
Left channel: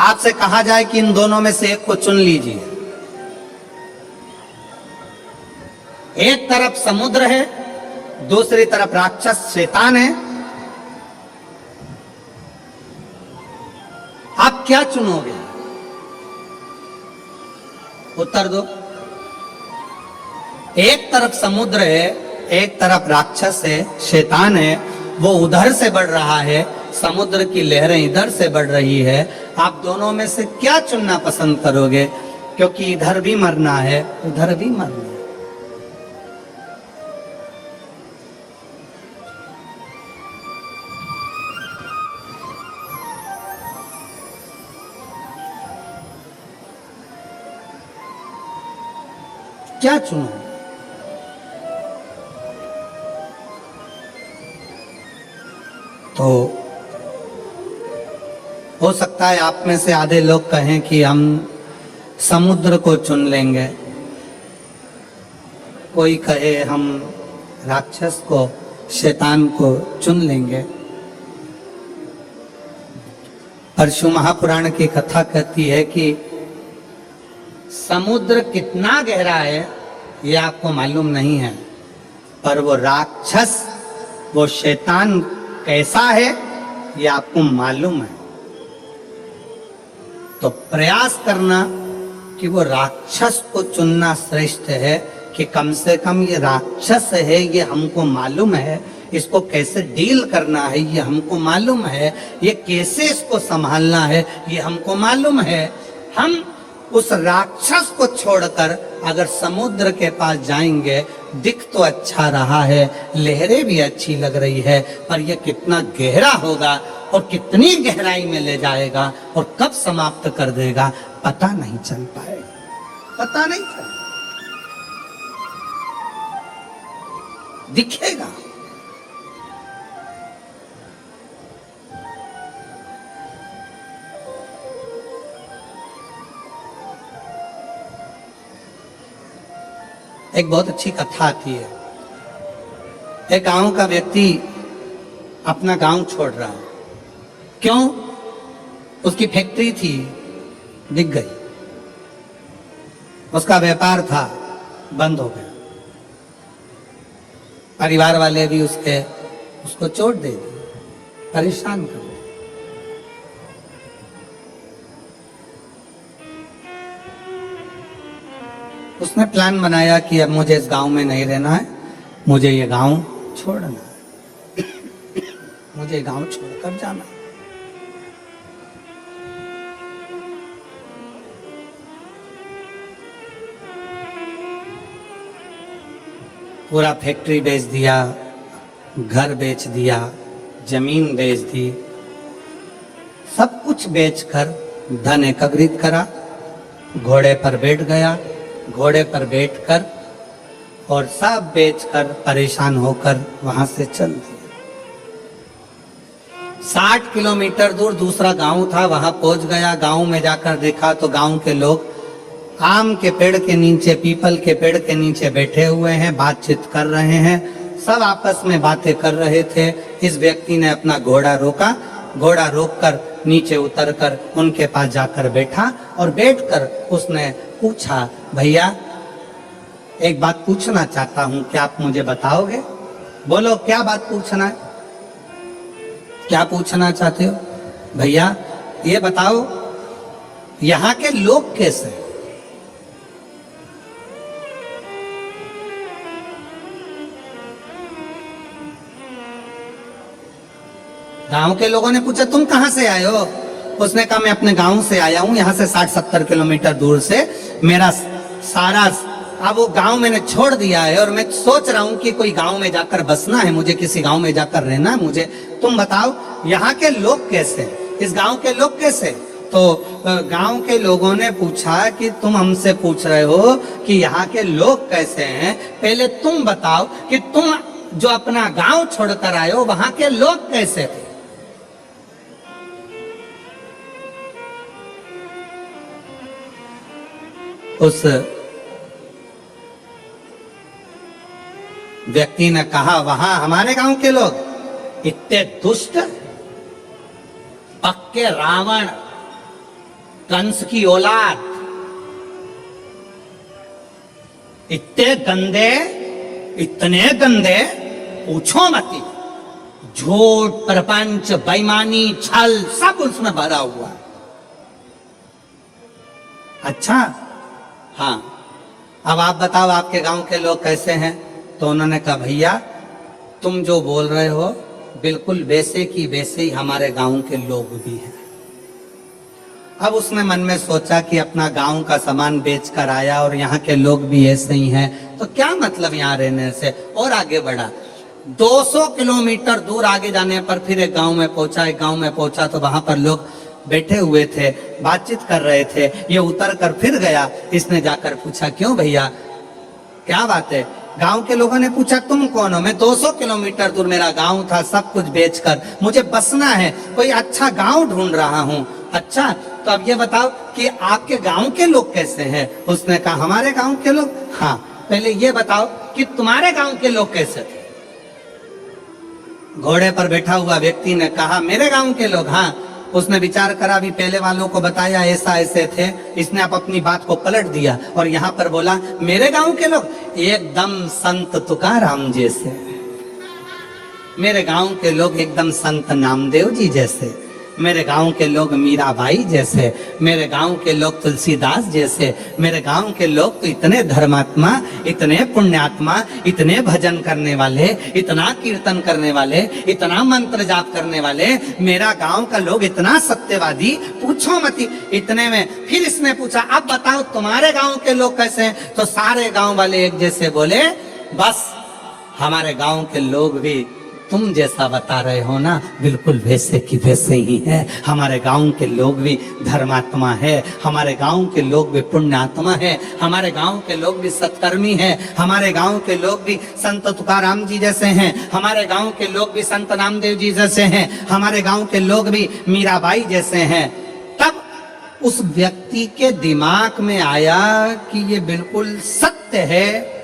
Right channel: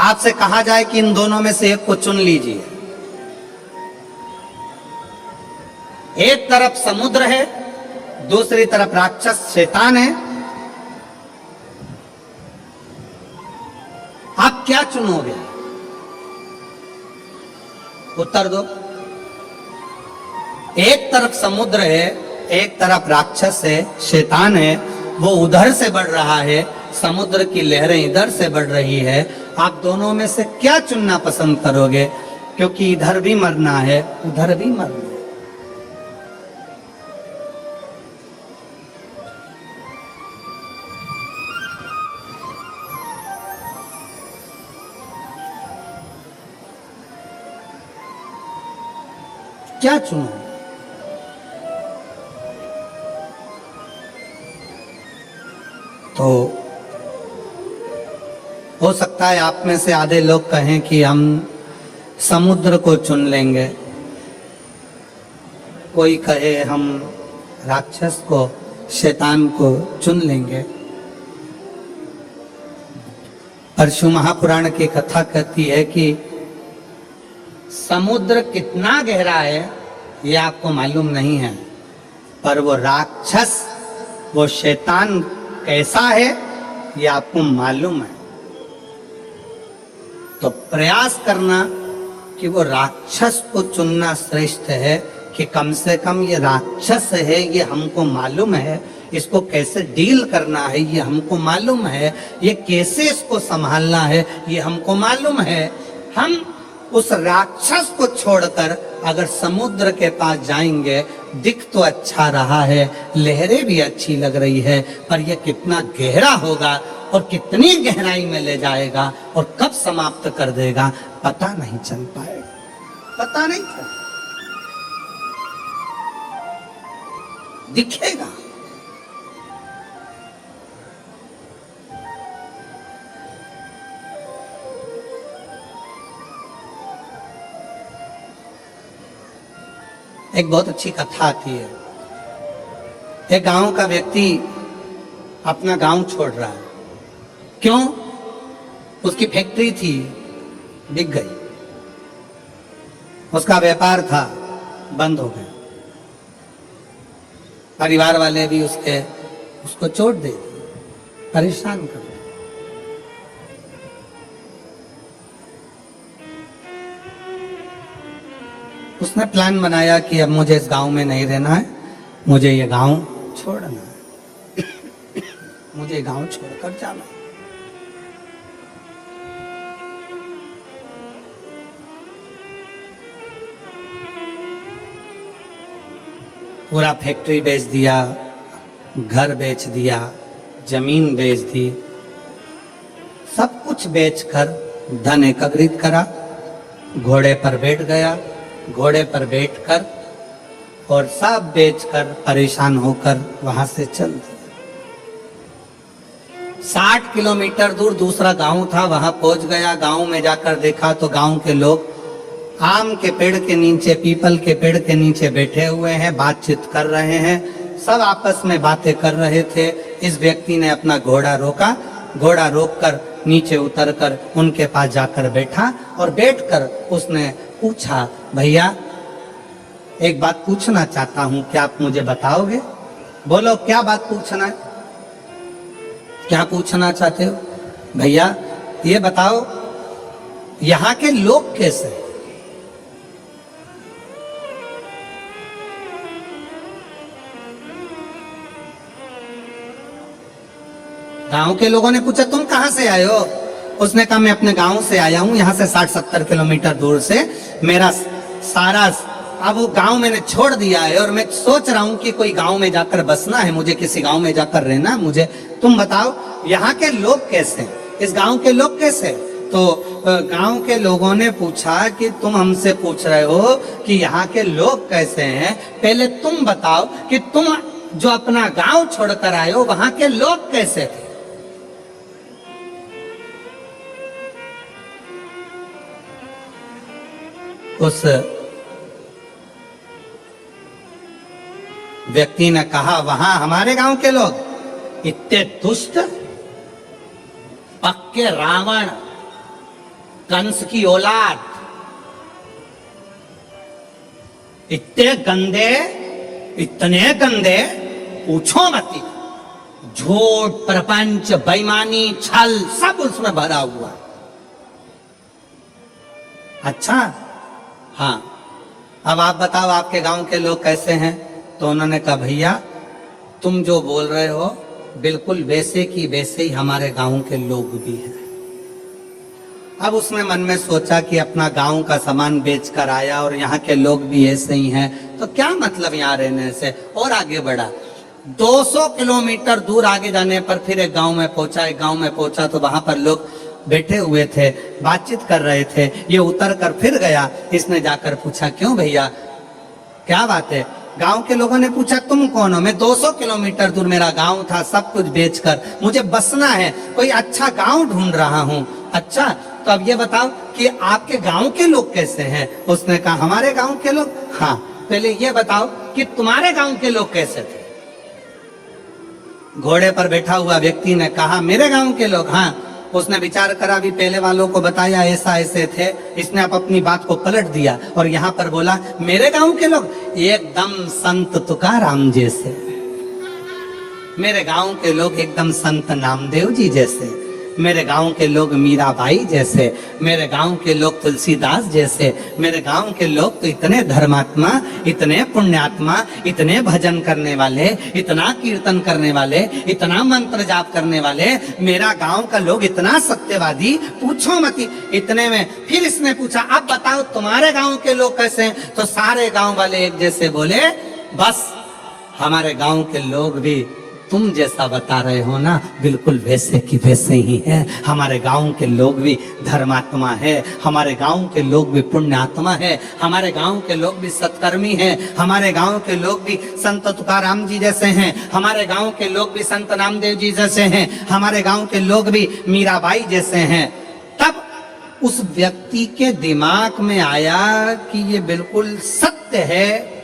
आपसे कहा जाए कि इन दोनों में से एक को चुन लीजिए। एक तरफ समुद्र है, दूसरी तरफ राक्षस शैतान है। आप क्या चुनोगे? उत्तर दो। एक तरफ समुद्र है, एक तरफ राक्षस है, शैतान है, वो उधर से बढ़ रहा है, समुद्र की लहरें इधर से बढ़ रही है। आप दोनों में से क्या चुनना पसंद करोगे? क्योंकि इधर भी मरना है, उधर भी मरना है। क्या चुनो? तो हो सकता है आप में से आधे लोग कहें कि हम समुद्र को चुन लेंगे, कोई कहे हम राक्षस को, शैतान को चुन लेंगे। परशु महापुराण की कथा कहती है कि समुद्र कितना गहरा है ये आपको मालूम नहीं है, पर वो राक्षस, वो शैतान कैसा है ये आपको मालूम है। तो प्रयास करना कि वो राक्षस को चुनना श्रेष्ठ है कि कम से कम ये राक्षस है, ये हमको मालूम है, इसको कैसे डील करना है ये हमको मालूम है, ये कैसे इसको संभालना है ये हमको मालूम है। हम उस राक्षस को छोड़कर अगर समुद्र के पास जाएंगे, दिख तो अच्छा रहा है, लहरें भी अच्छी लग रही है, पर यह कितना गहरा होगा और कितनी गहराई में ले जाएगा और कब समाप्त कर देगा पता नहीं चल पाएगा, पता नहीं चल दिखेगा। एक बहुत अच्छी कथा आती है। एक गांव का व्यक्ति अपना गांव छोड़ रहा है। क्यों? उसकी फैक्ट्री थी, बिक गई, उसका व्यापार था, बंद हो गया, परिवार वाले भी उसको चोट दे दी, परेशान कर दिया। उसने प्लान बनाया कि अब मुझे इस गांव में नहीं रहना है, मुझे ये गांव छोड़ना है, मुझे गांव छोड़कर जाना है। पूरा फैक्ट्री बेच दिया, घर बेच दिया, जमीन बेच दी, सब कुछ बेचकर धन एकत्रित करा, घोड़े पर बैठ गया, घोड़े पर बैठकर और सब बेचकर परेशान होकर वहां से चल दिया। 60 किलोमीटर दूर दूसरा गांव था, वहां पहुंच गया। गांव में जाकर देखा तो गांव के लोग आम के पेड़ के नीचे, पीपल के पेड़ के नीचे बैठे हुए हैं, बातचीत कर रहे हैं, सब आपस में बातें कर रहे थे। इस व्यक्ति ने अपना घोड़ा रोका, घोड़ा रोककर नीचे उतरकर उनके पास जाकर बैठा और बैठकर उसने पूछा, भैया एक बात पूछना चाहता हूं, क्या आप मुझे बताओगे? बोलो क्या बात पूछना है, क्या पूछना चाहते हो? भैया ये बताओ यहां के लोग कैसे? गांव के लोगों ने पूछा तुम कहां से आए हो? उसने कहा मैं अपने गांव से आया हूं, यहां से 60-70 किलोमीटर दूर से। मेरा सारा अब वो गांव मैंने छोड़ दिया है और मैं सोच रहा हूं कि कोई गांव में जाकर बसना है, मुझे किसी गांव में जाकर रहना है। मुझे तुम बताओ यहाँ के लोग कैसे, इस गांव के लोग कैसे? तो गांव के लोगों ने पूछा कि तुम हमसे पूछ रहे हो कि यहाँ के लोग कैसे हैं, पहले तुम बताओ कि तुम जो अपना गांव छोड़कर आए हो वहां के लोग कैसे थे? उस व्यक्ति ने कहा वहां हमारे गांव के लोग इतने दुष्ट, पक्के रावण, कंस की औलाद, इतने गंदे पूछो मत। झूठ, प्रपंच, बेईमानी, छल सब उसमें भरा हुआ। अच्छा हाँ, अब आप बताओ आपके गांव के लोग कैसे हैं? तो उन्होंने कहा भैया तुम जो बोल रहे हो बिल्कुल वैसे की वैसे ही हमारे गांव के लोग भी हैं। अब उसने मन में सोचा कि अपना गांव का सामान बेचकर आया और यहाँ के लोग भी ऐसे ही हैं, तो क्या मतलब यहाँ रहने से। और आगे बढ़ा, 200 किलोमीटर दूर आगे जाने पर फिर एक गांव में पहुंचा। एक गांव में पहुंचा तो वहां पर लोग बैठे हुए थे, बातचीत कर रहे थे। ये उतर कर फिर गया, इसने जाकर पूछा क्यों भैया क्या बात है? गांव के लोगों ने पूछा तुम कौन हो? मैं 200 किलोमीटर दूर मेरा गांव था, सब कुछ बेचकर मुझे बसना है, कोई अच्छा गांव ढूंढ रहा हूं। अच्छा तो अब ये बताओ कि आपके गांव के लोग कैसे हैं? उसने कहा हमारे गांव के लोग, हाँ पहले ये बताओ कि तुम्हारे गांव के लोग कैसे थे? घोड़े पर बैठा हुआ व्यक्ति ने कहा मेरे गांव के लोग, हाँ। उसने विचार करा, भी पहले वालों को बताया ऐसा ऐसे थे, इसने अब अपनी बात को पलट दिया और यहाँ पर बोला मेरे गांव के लोग एकदम संत तुकाराम जैसे, मेरे गांव के लोग एकदम संत नामदेव जी जैसे। मेरे गांव के लोग मीराबाई जैसे, मेरे गांव के लोग तुलसीदास जैसे, मेरे गांव के लोग तो इतने धर्मात्मा, इतने पुण्यात्मा, इतने भजन करने वाले, इतना कीर्तन करने वाले, इतना मंत्र जाप करने वाले, मेरा गांव का लोग इतना सत्यवादी, पूछो मत। इतने में फिर इसने पूछा, अब बताओ तुम्हारे गांव के लोग कैसे हैं? तो सारे गांव वाले एक जैसे बोले, बस हमारे गांव के लोग भी तुम जैसा बता रहे हो ना, बिल्कुल वैसे की वैसे ही है। हमारे गांव के लोग भी धर्मात्मा है, हमारे गांव के लोग भी पुण्यात्मा है, हमारे गांव के लोग भी सत्कर्मी हैं, हमारे गांव के लोग भी संत तुकाराम जी जैसे हैं, हमारे गांव के लोग भी संत नामदेव जी जैसे हैं, हमारे गांव के लोग भी मीराबाई जैसे हैं। तब उस व्यक्ति के दिमाग में आया कि ये बिल्कुल सत्य है।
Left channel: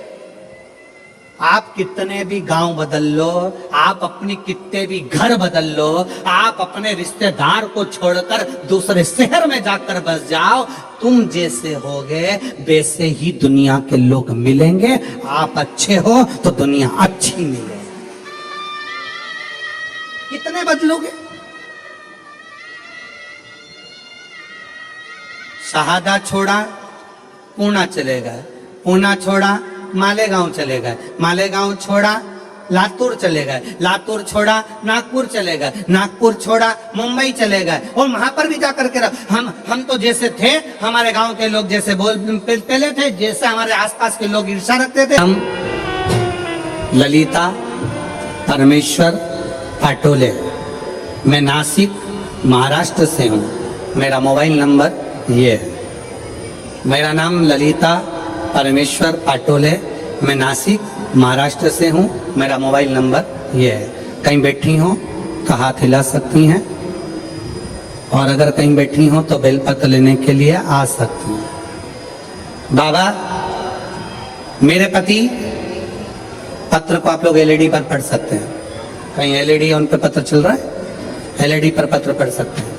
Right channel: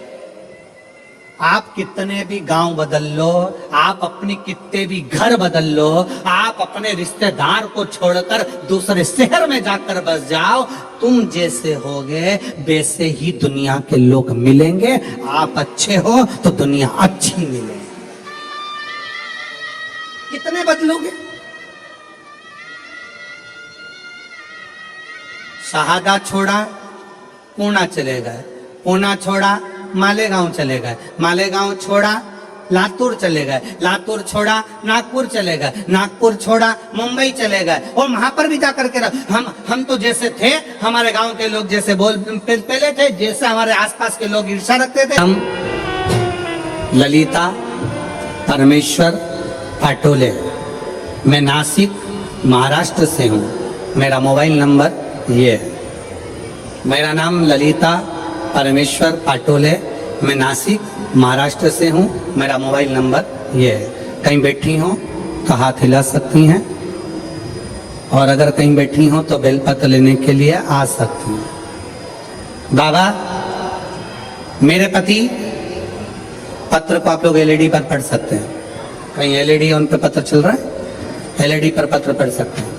आप कितने भी गांव बदल लो, आप अपनी कितने भी घर बदल लो, आप अपने रिश्तेदार को छोड़कर दूसरे शहर में जाकर बस जाओ, तुम जैसे होगे वैसे ही दुनिया के लोग मिलेंगे। आप अच्छे हो तो दुनिया अच्छी मिलेगी। कितने बदलोगे? शहादा छोड़ा, पूना चले गए, पूना छोड़ा, मालेगांव चले गए, मालेगांव छोड़ा, लातूर चले गए, लातूर छोड़ा, नागपुर चले गए, नागपुर छोड़ा, मुंबई चले गए, और वहां पर भी जाकर के हम तो जैसे थे, हमारे गांव के लोग जैसे पहले थे, जैसे हमारे आसपास के लोग ईर्ष्या रखते थे। हम ललिता परमेश्वर पाटोले, मैं नासिक महाराष्ट्र से हूँ। मेरा मोबाइल नंबर ये है। मेरा नाम ललिता परमेश्वर पाटोले, मैं नासिक महाराष्ट्र से हूँ। मेरा मोबाइल नंबर ये है। कहीं बैठी हो तो हाथ हिला सकती हैं, और अगर कहीं बैठी हो तो बेलपत्र लेने के लिए आ सकती हैं। बाबा, मेरे पति, पत्र को आप लोग एलईडी पर पढ़ सकते हैं। कहीं एलईडी उन पर पत्र चल रहा है, एलईडी पर पत्र पढ़ सकते हैं।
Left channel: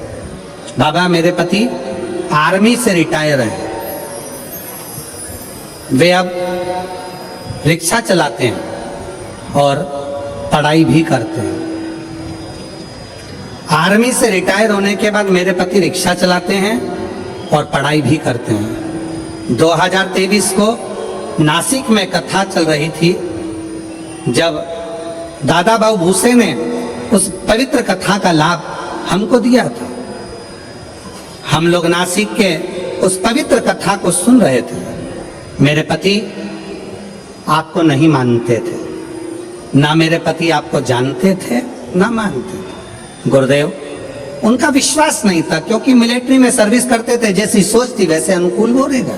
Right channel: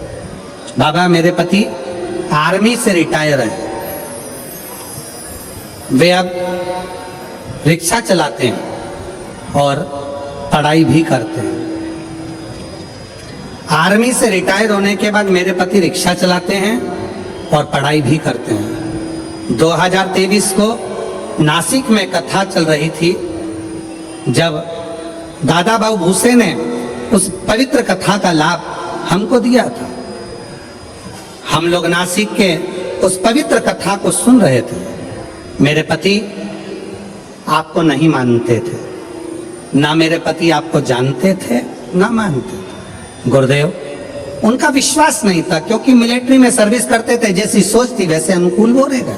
बाबा, मेरे पति आर्मी से रिटायर हैं। वे अब रिक्शा चलाते हैं और पढ़ाई भी करते हैं। आर्मी से रिटायर होने के बाद मेरे पति रिक्शा चलाते हैं और पढ़ाई भी करते हैं। 2023 को नासिक में कथा चल रही थी, जब दादा बाबू भूसे ने उस पवित्र कथा का लाभ हमको दिया था। हम लोग नासिक के उस पवित्र कथा को सुन रहे थे। मेरे पति आपको नहीं मानते थे, ना मेरे पति आपको जानते थे ना मानते थे। गुरुदेव, उनका विश्वास नहीं था, क्योंकि मिलिट्री में सर्विस करते थे, जैसी सोच थी वैसे अनुकूल हो रहेगा।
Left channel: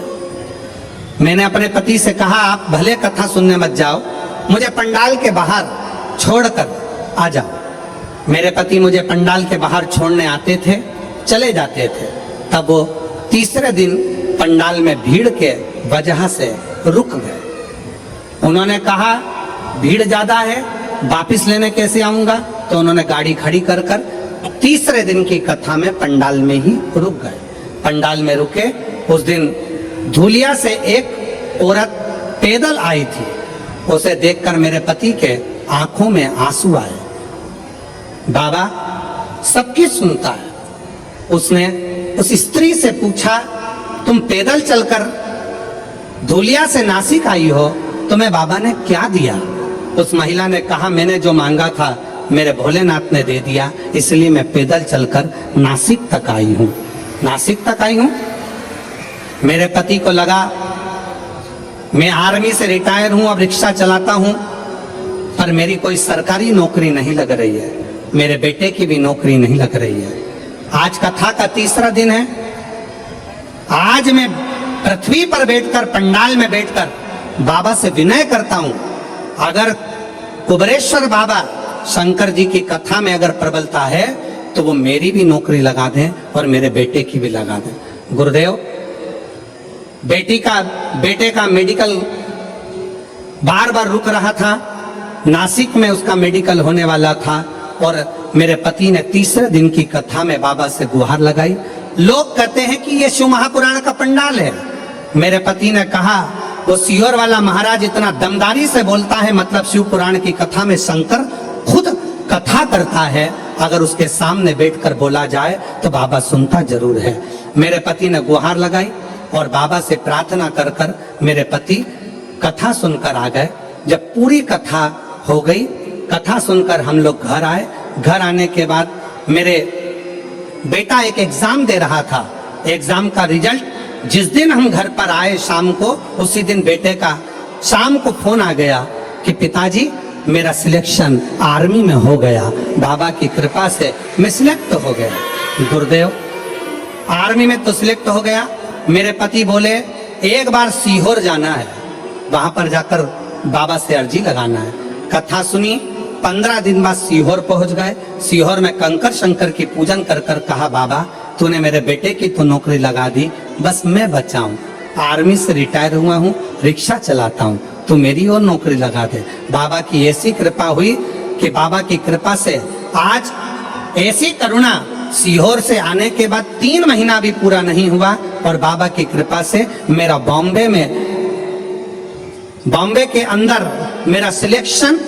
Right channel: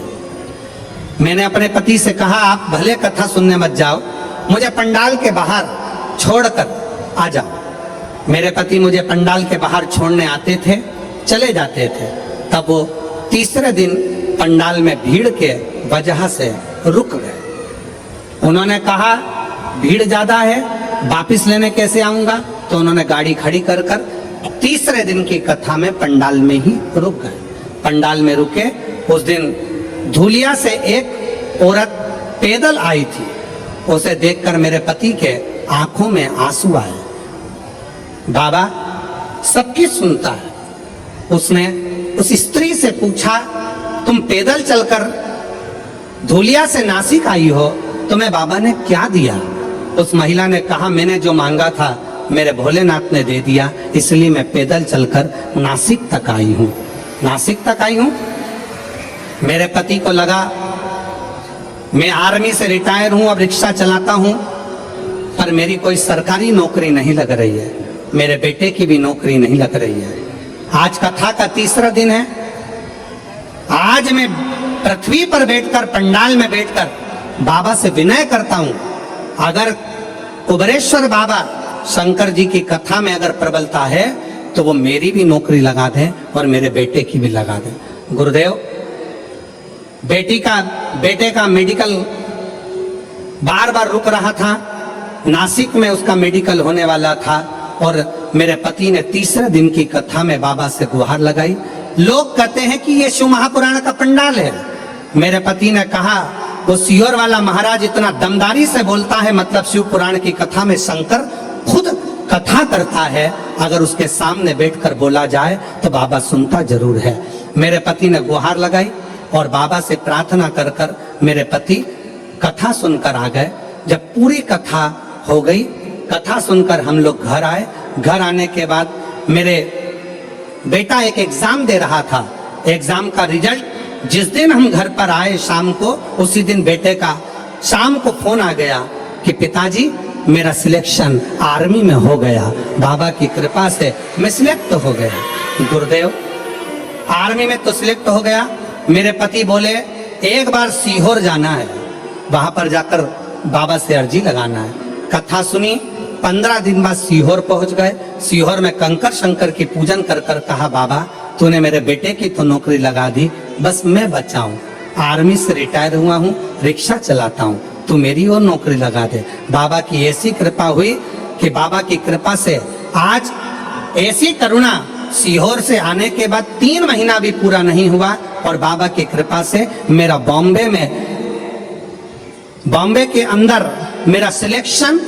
मैंने अपने पति से कहा, आप भले कथा सुनने मत जाओ, मुझे पंडाल के बाहर छोड़कर आ जाओ। मेरे पति मुझे पंडाल के बाहर छोड़ने आते थे, चले जाते थे। तब वो तीसरे दिन पंडाल में भीड़ के वजह से रुक गए। उन्होंने कहा, भीड़ ज्यादा है, वापिस लेने कैसे आऊंगा? तो उन्होंने गाड़ी खड़ी कर तीसरे दिन की कथा में पंडाल में ही रुक गए। पंडाल में रुके। उस दिन धूलिया से एक औरत पैदल आई थी। उसे देखकर मेरे पति के आंखों में आंसू आए। बाबा सबकी सुनता है। उसने उस स्त्री से पूछा, तुम पैदल चलकर धूलिया से नासिक आई हो, तुम्हें बाबा ने क्या दिया? उस महिला ने कहा, मैंने जो मांगा था मेरे भोलेनाथ ने दे दिया, इसलिए मैं पैदल चलकर नासिक तक आई हूँ। नासिक तक आई हूँ। मेरे पति को लगा मैं आर्मी से रिटायर हूँ, अब रिक्शा चलाता हूँ, पर मेरी कोई सरकारी नौकरी नहीं लग रही है, मेरे बेटे की भी नौकरी नहीं लग रही है। आज कथा का तीसरा दिन है। आज मैं पृथ्वी पर बैठकर, पंडाल में बैठकर बाबा से विनय करता हूं, अगर कुबरेश्वर बाबा शंकर जी की कथा में अगर प्रबलता है तो वो मेरी भी नौकरी लगा दें और मेरे बेटे की भी लगा दें। गुरुदेव, बेटे का मेडिकल बार बार रुक रहा था, नासिक में उसका मेडिकल होने वाला था, और मेरे पति ने तीसरे दिन की कथा में बाबा से गुहार लगाई। लोग कहते हैं कि ये शिव महापुराण का पंडाल है। मेरे पति ने कहा, वो सियोर वाला महाराज इतना दमदारी से बोलता है, मतलब शिव पुराण की कथा में शंकर खुद कथा करता है, अगर उसके सामने बैठकर बोला जाए तो बाबा सुनता जरूर है। मेरे पति ने गुहार लगाई और बाबा से प्रार्थना कर कर मेरे पति कथा सुनकर आ गए। जब पूरी कथा हो गई, कथा सुनकर हम लोग घर आए। घर आने के बाद मेरे बेटा एक एग्जाम दे रहा था, एग्जाम का रिजल्ट जिस दिन हम घर पर आए शाम को, उसी दिन बेटे का शाम को फोन आ गया कि पिताजी मेरा सिलेक्शन आर्मी में हो गया, बाबा की कृपा से मैं सिलेक्ट हो गया। गुरुदेव, आर्मी में तो सिलेक्ट हो गया। मेरे पति बोले एक बार सीहोर जाना है, वहां पर जाकर बाबा से अर्जी लगाना है। कथा सुनी, 15 दिन बाद सीहोर पहुंच गए। सीहोर में कंकर शंकर की पूजन कर कर कहा, बाबा तूने मेरे बेटे की तो नौकरी लगा दी, बस मैं बचा हूं, आर्मी से रिटायर हुआ हूं, रिक्शा चलाता हूं, तू मेरी और नौकरी लगा दे। बाबा की ऐसी कृपा हुई कि बाबा की कृपा से आज ऐसी करुणा, सीहोर से आने के बाद 3 महीना भी पूरा नहीं हुआ और बाबा की कृपा से मेरा बॉम्बे के अंदर मेरा सिलेक्शन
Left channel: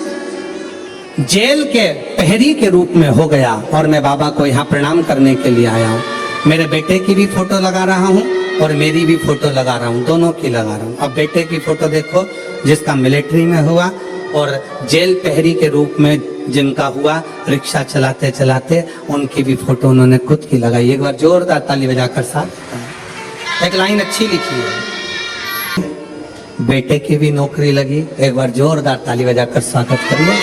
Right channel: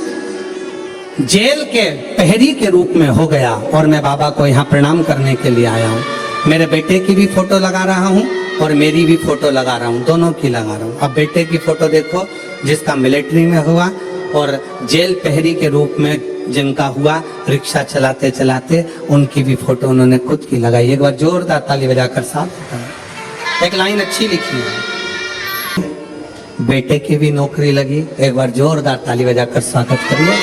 जेल के प्रहरी के रूप में हो गया और मैं बाबा को यहाँ प्रणाम करने के लिए आया हूँ। मेरे बेटे की भी फोटो लगा रहा हूँ और मेरी भी फोटो लगा रहा हूँ, दोनों की लगा रहा हूँ। अब बेटे की फोटो देखो जिसका मिलिट्री में हुआ और जेल प्रहरी के रूप में जिनका हुआ रिक्शा चलाते चलाते, उनकी भी फोटो उन्होंने खुद की लगाई। एक बार जोरदार ताली बजाकर साथ एक लाइन अच्छी लिखी है, बेटे की भी नौकरी लगी, एक बार जोरदार ताली बजाकर स्वागत करिए।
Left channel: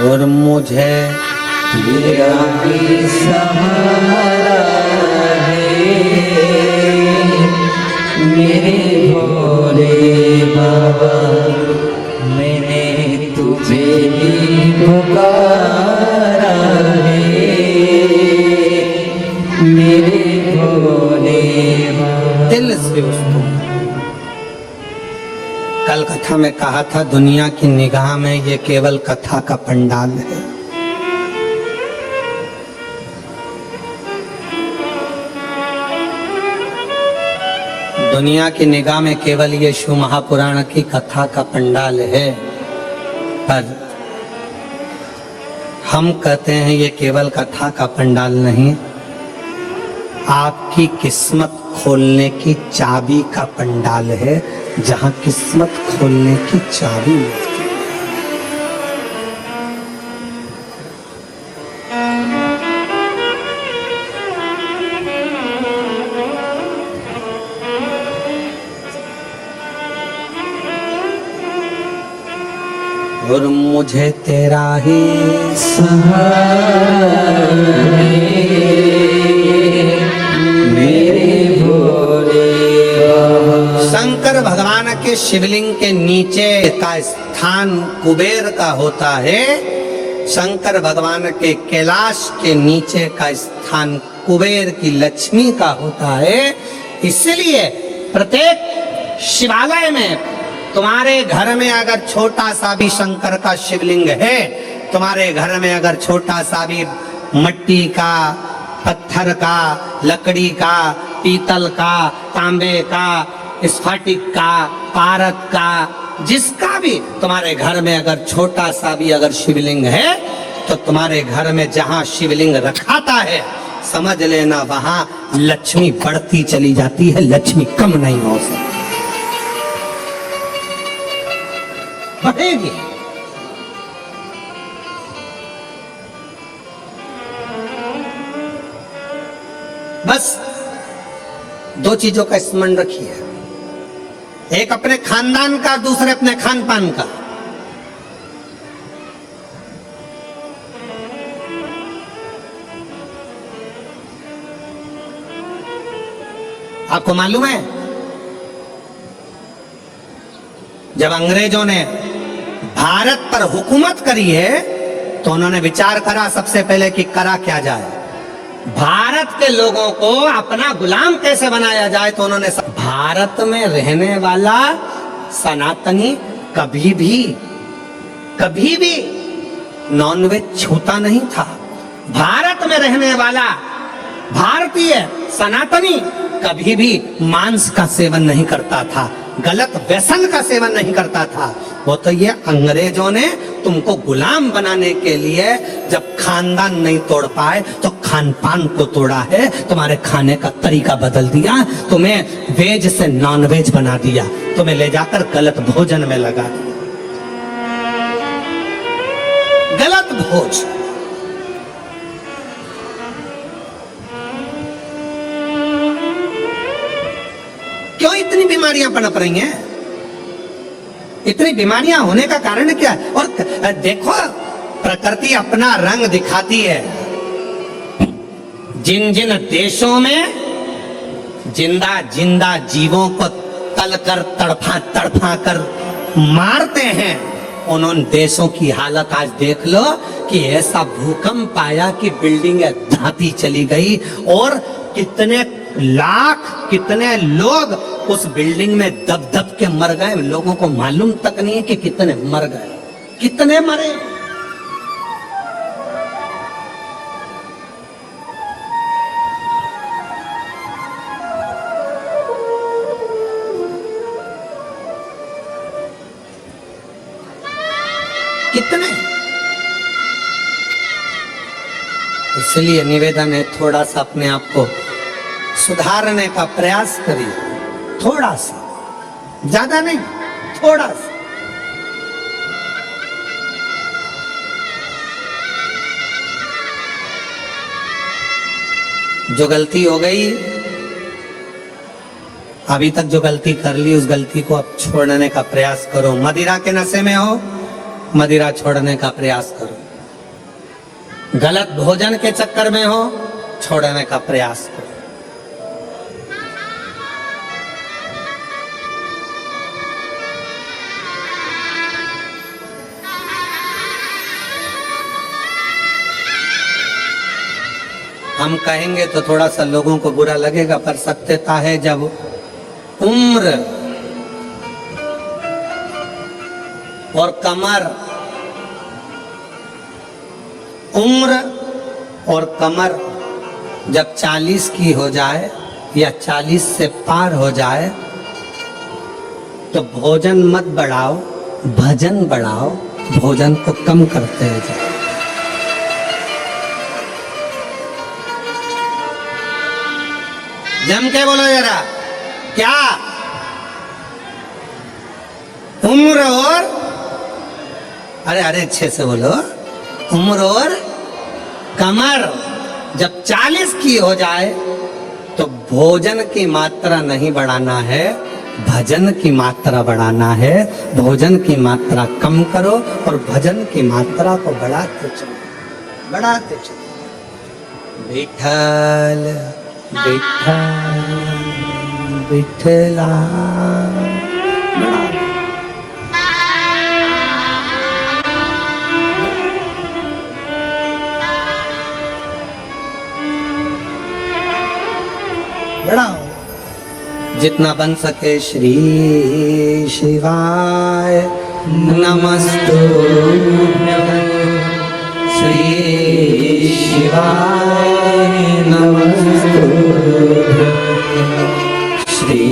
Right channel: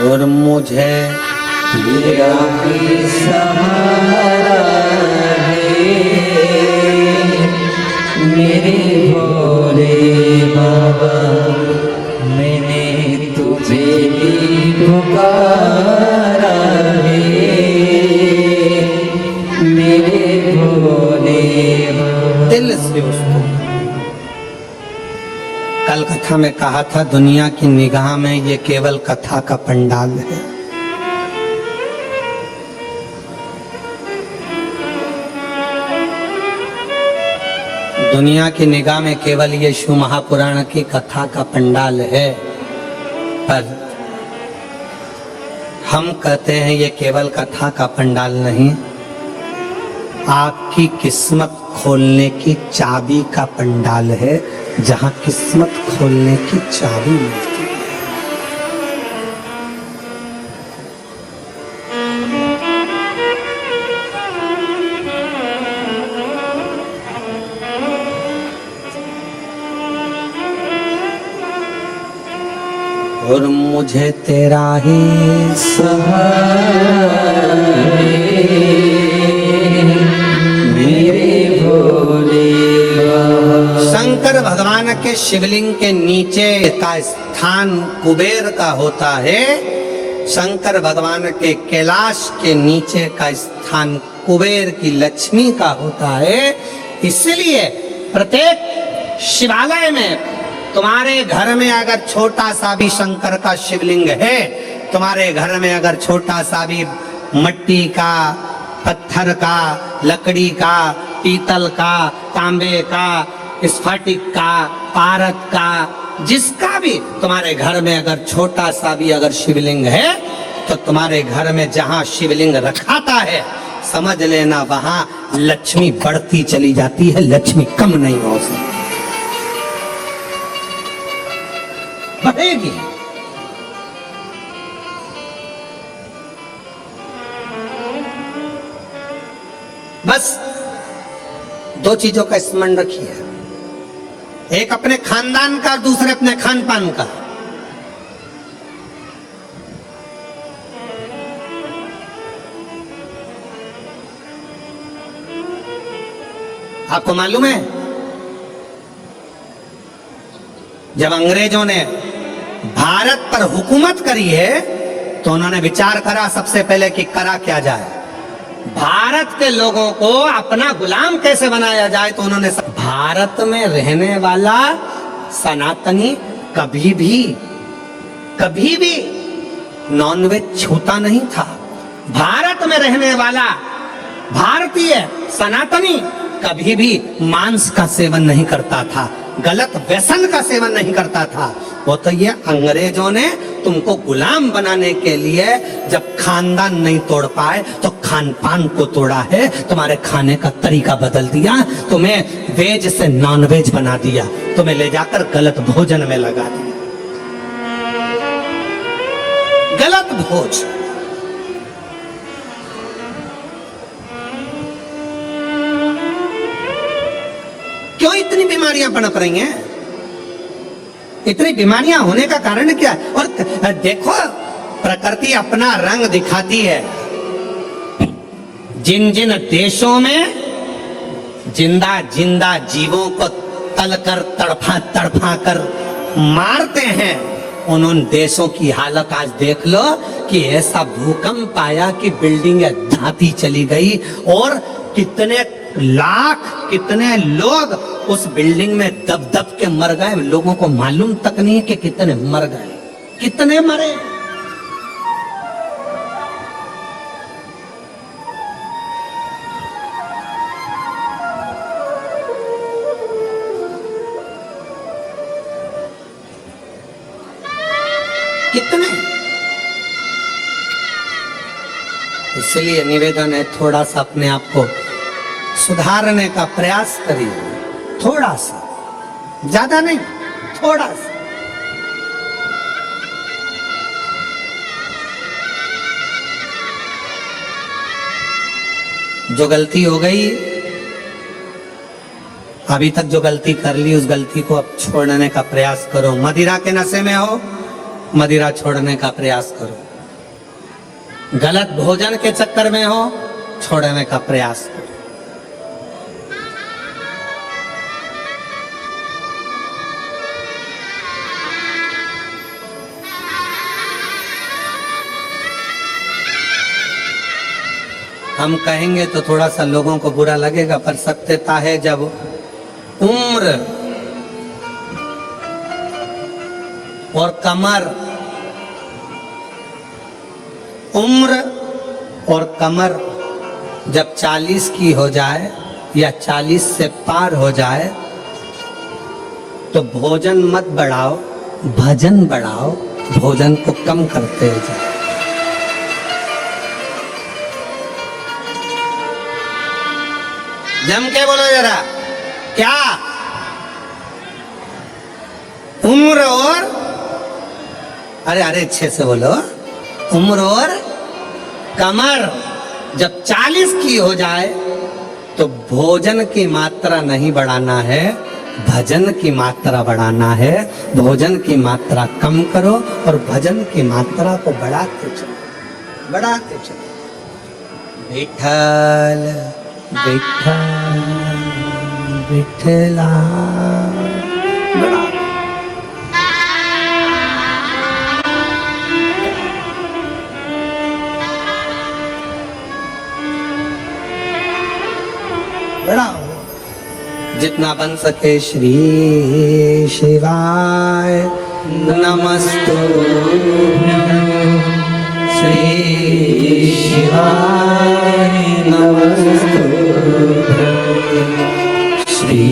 और मुझे तेरा भी सहारा है मेरे भोले बाबा, मैंने तुझे ही पुकारा है मेरे भोले बाबा। दिल से उसको कल कथा में कहा था, दुनिया की निगाह में ये केवल कथा का पंडाल है। दुनिया की निगाह में केवल ये शिव महापुराण की कथा का पंडाल है, पर हम कहते हैं ये केवल कथा का पंडाल नहीं, आपकी किस्मत खोलने की चाबी का पंडाल है, जहां किस्मत खोलने की चाबी मिलती है। और मुझे तेरा ही सहारा मेरे भोले बाबा। शंकर भगवान के शिवलिंग के नीचे का स्थान कुबेर का होता है, शंकर भगवान के कैलाश के नीचे का स्थान कुबेर की लक्ष्मी का होता है। इसलिए प्रत्येक शिवालय में तुम्हारे घर में अगर छोटा सा भी शंकर का शिवलिंग है, तुम्हारे घर में अगर छोटा सा भी मट्टी का, पत्थर का, लकड़ी का, पीतल का, तांबे का, स्फटिक का, पारद का, जिसका भी तुम्हारे घर में अगर छोटा सा भी अगर शिवलिंग है, तो तुम्हारे घर में जहां शिवलिंग रखाता है, समझ लेना वहां लक्ष्मी बढ़ती चली जाती है, लक्ष्मी कम नहीं हो सकती, बढ़ेगी। बस 2 चीजों का स्मरण रखिए, एक अपने खानदान का, दूसरे अपने खान पान का। आपको मालूम है जब अंग्रेजों ने भारत पर हुकूमत करी है तो उन्होंने विचार करा सबसे पहले कि करा क्या जाए, भारत के लोगों को अपना गुलाम कैसे बनाया जाए। तो उन्होंने भारत में रहने वाला सनातनी कभी भी नॉनवेज छूता नहीं था। भारत में रहने वाला भारतीय सनातनी कभी भी मांस का सेवन नहीं करता था। गलत व्यसन का सेवन नहीं करता था। वो तो ये अंग्रेजों ने तुमको गुलाम बनाने के लिए जब खानदान नहीं तोड़ पाए तो खान पान को तोड़ा है, तुम्हारे खाने का तरीका बदल दिया, तुम्हें वेज से नॉन वेज बना दिया, तुम्हें ले जाकर गलत भोजन में लगा दिया। गलत भोज। क्यों इतनी बीमारियां पनप रही हैं? इतनी बीमारियां होने का कारण क्या है? और देखो, प्रकृति अपना रंग दिखाती है। जिन जिन देशों में जिंदा जिंदा जीवों को तलकर तड़फा तड़फा कर मारते हैं, उन देशों की हालत आज देख लो कि ऐसा भूकंप आया कि बिल्डिंग धाती चली गई और कितने लाख कितने लोग उस बिल्डिंग में दब दब के मर गए। लोगों को मालूम तक नहीं है कि कितने मर गए, कितने मरे। कितने। इसलिए निवेदन है, थोड़ा सा अपने आप को सुधारने का प्रयास करिए, थोड़ा सा, ज्यादा नहीं, थोड़ा सा। जो गलती हो गई, अभी तक जो गलती कर ली, उस गलती को अब छोड़ने का प्रयास करो। मदिरा के नशे में हो, मदिरा छोड़ने का प्रयास करो। गलत भोजन के चक्कर में हो, छोड़ने का प्रयास करो। हम कहेंगे तो थोड़ा सा लोगों को बुरा लगेगा, पर सत्यता है, जब उम्र और कमर, उम्र और कमर जब 40 की हो जाए या 40 से पार हो जाए तो भोजन मत बढ़ाओ, भजन बढ़ाओ, भोजन को कम करते जाओ। जम के बोलो जरा, क्या? उम्र और, अरे अरे अच्छे से बोलो, उम्र और कमर जब 40 की हो जाए तो भोजन की मात्रा नहीं बढ़ाना है, भजन की मात्रा बढ़ाना है। भोजन की मात्रा कम करो और भजन की मात्रा को बढ़ाते चलो, बढ़ाते चलो। विठल विठल विठला, बढ़ा। बढ़ाओ जितना बन सके। श्री शिवाय नमस्तुभ्यं, श्री शिवाय नमस्तुभ्यं, श्री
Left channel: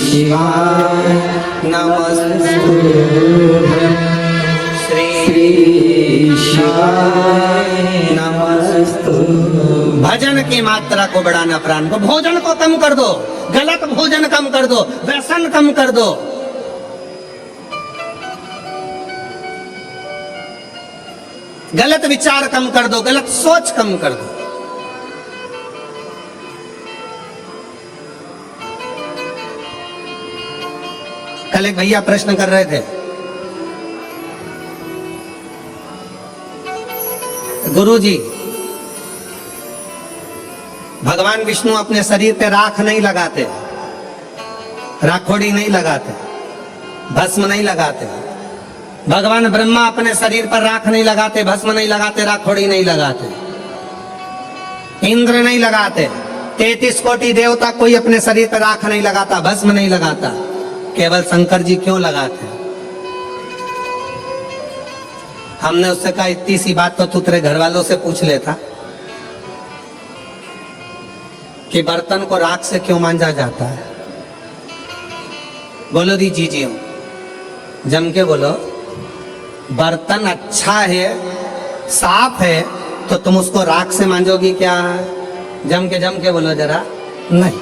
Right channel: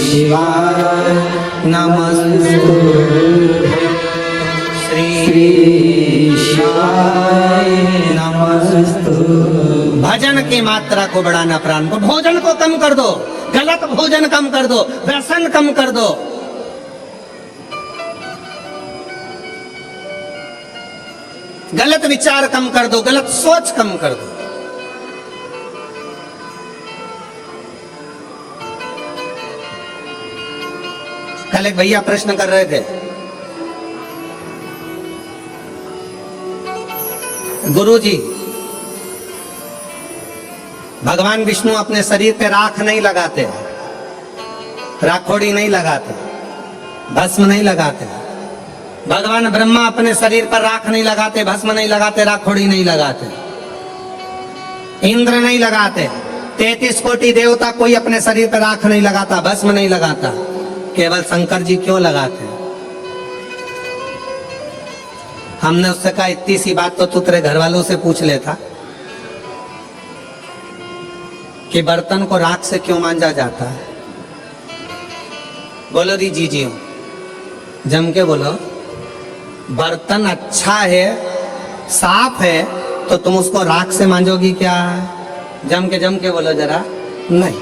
शिवाय नमस्तुभ्यं, श्री शिवाय नमस्तुभ्यं। भजन की मात्रा को बढ़ाना, प्राण को, भोजन को कम कर दो, गलत भोजन कम कर दो, व्यसन कम कर दो। गलत विचार कम कर दो, गलत सोच कम कर दो। कल एक भैया प्रश्न कर रहे थे, गुरुजी भगवान विष्णु अपने शरीर पे राख नहीं लगाते, राखोड़ी नहीं लगाते, भस्म नहीं लगाते। भगवान ब्रह्मा अपने शरीर पर राख नहीं लगाते, भस्म नहीं लगाते, राखोड़ी नहीं लगाते। इंद्र नहीं लगाते। 33 कोटि देवता कोई अपने शरीर पर राख नहीं लगाता, भस्म नहीं लगाता। केवल शंकर जी क्यों लगाते? हमने उससे कहा, इतनी सी बात तो तू तेरे घर वालों से पूछ लेता कि बर्तन को राख से क्यों मांजा जाता है। बोलो दी जी जी जम के बोलो। बर्तन अच्छा है, साफ है, तो तुम उसको राख से मांजोगी क्या? जम के बोलो जरा। नहीं,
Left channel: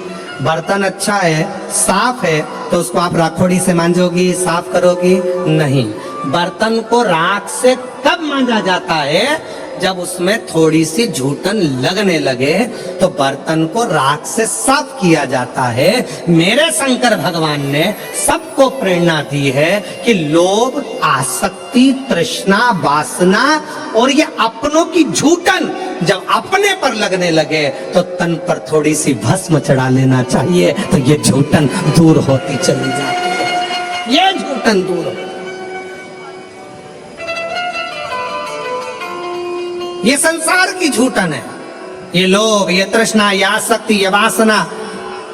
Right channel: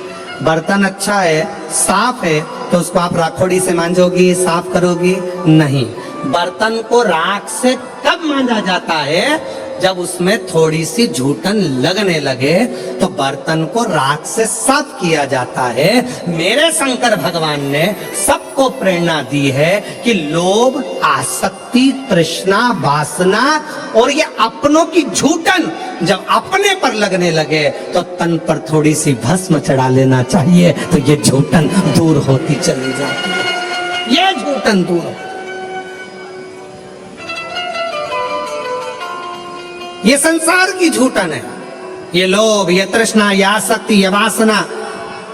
बर्तन अच्छा है, साफ है, तो उसको आप राखोड़ी से मांजोगी, साफ करोगी? नहीं। बर्तन को राख से कब मांजा जाता है? जब उसमें थोड़ी सी झूठन लगने लगे तो बर्तन को राख से साफ किया जाता है। मेरे शंकर भगवान ने सबको प्रेरणा दी है कि लोभ, आसक्ति, तृष्णा, वासना और ये अपनों की झूठन जब अपने पर लगने लगे तो तन पर थोड़ी सी भस्म चढ़ा लेना चाहिए, तो ये झूठन दूर होती चली जाती है। ये झूठन दूर, ये संसार की झूठन है। ये लोभ, ये तृष्णा, ये आसक्ति, ये वासना,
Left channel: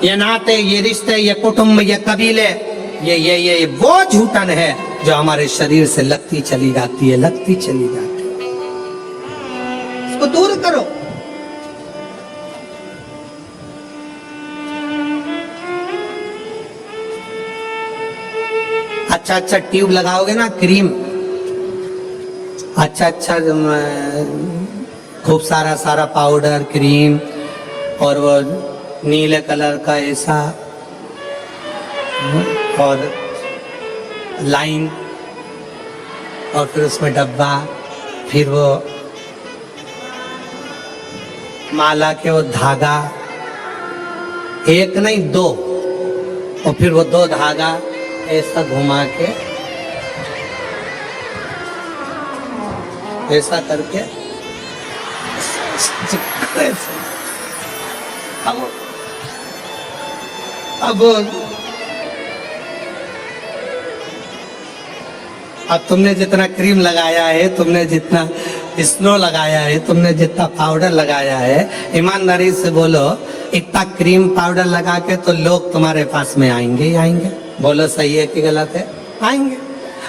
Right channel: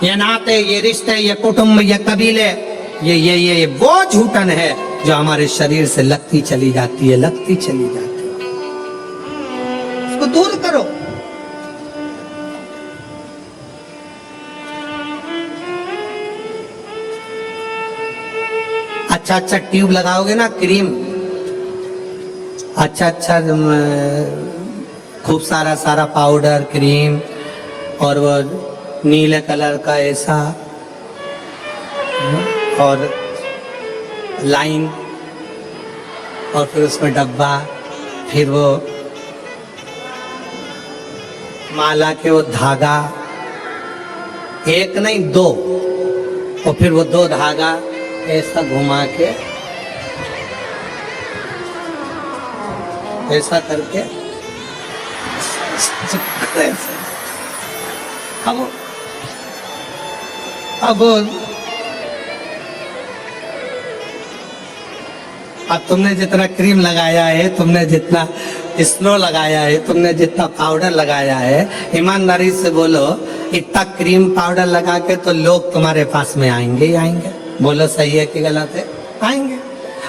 ये नाते, ये रिश्ते, ये कुटुंब, ये कबीले, ये वो झूठन है जो हमारे शरीर से लगती चली जाती है, लगती चली जाती है। इसको दूर करो। अच्छा अच्छा ट्यूब लगाओगे ना, क्रीम, अच्छा अच्छा खूब सारा सारा पाउडर, क्रीम और वो नीले कलर का ऐसा और लाइन और फिर उसमें डब्बा, फिर वो माला के वो धागा, एक नहीं दो, और फिर वो दो धागा ऐसा घुमा के ऐसा करके अब तुमने जितना क्रीम लगाया है, तुमने जितना स्नो लगाया है, तुमने जितना पाउडर लगाया है, ईमानदारी से बोलो, इतना क्रीम पाउडर लगा के तो लोग तुम्हारे पास में आएंगे ही आएंगे। बोलो सही है कि गलत है? आएंगे।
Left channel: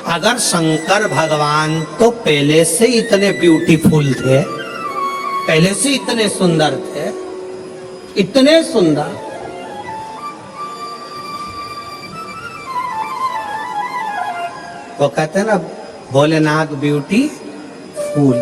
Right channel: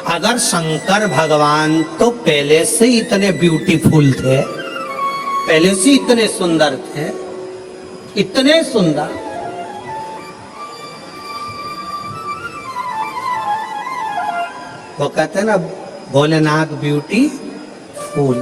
अगर शंकर भगवान तो पहले से इतने ब्यूटीफुल थे, पहले से इतने सुंदर थे, इतने सुंदर, वो कहते हैं ना भोलेनाथ ब्यूटी फूल,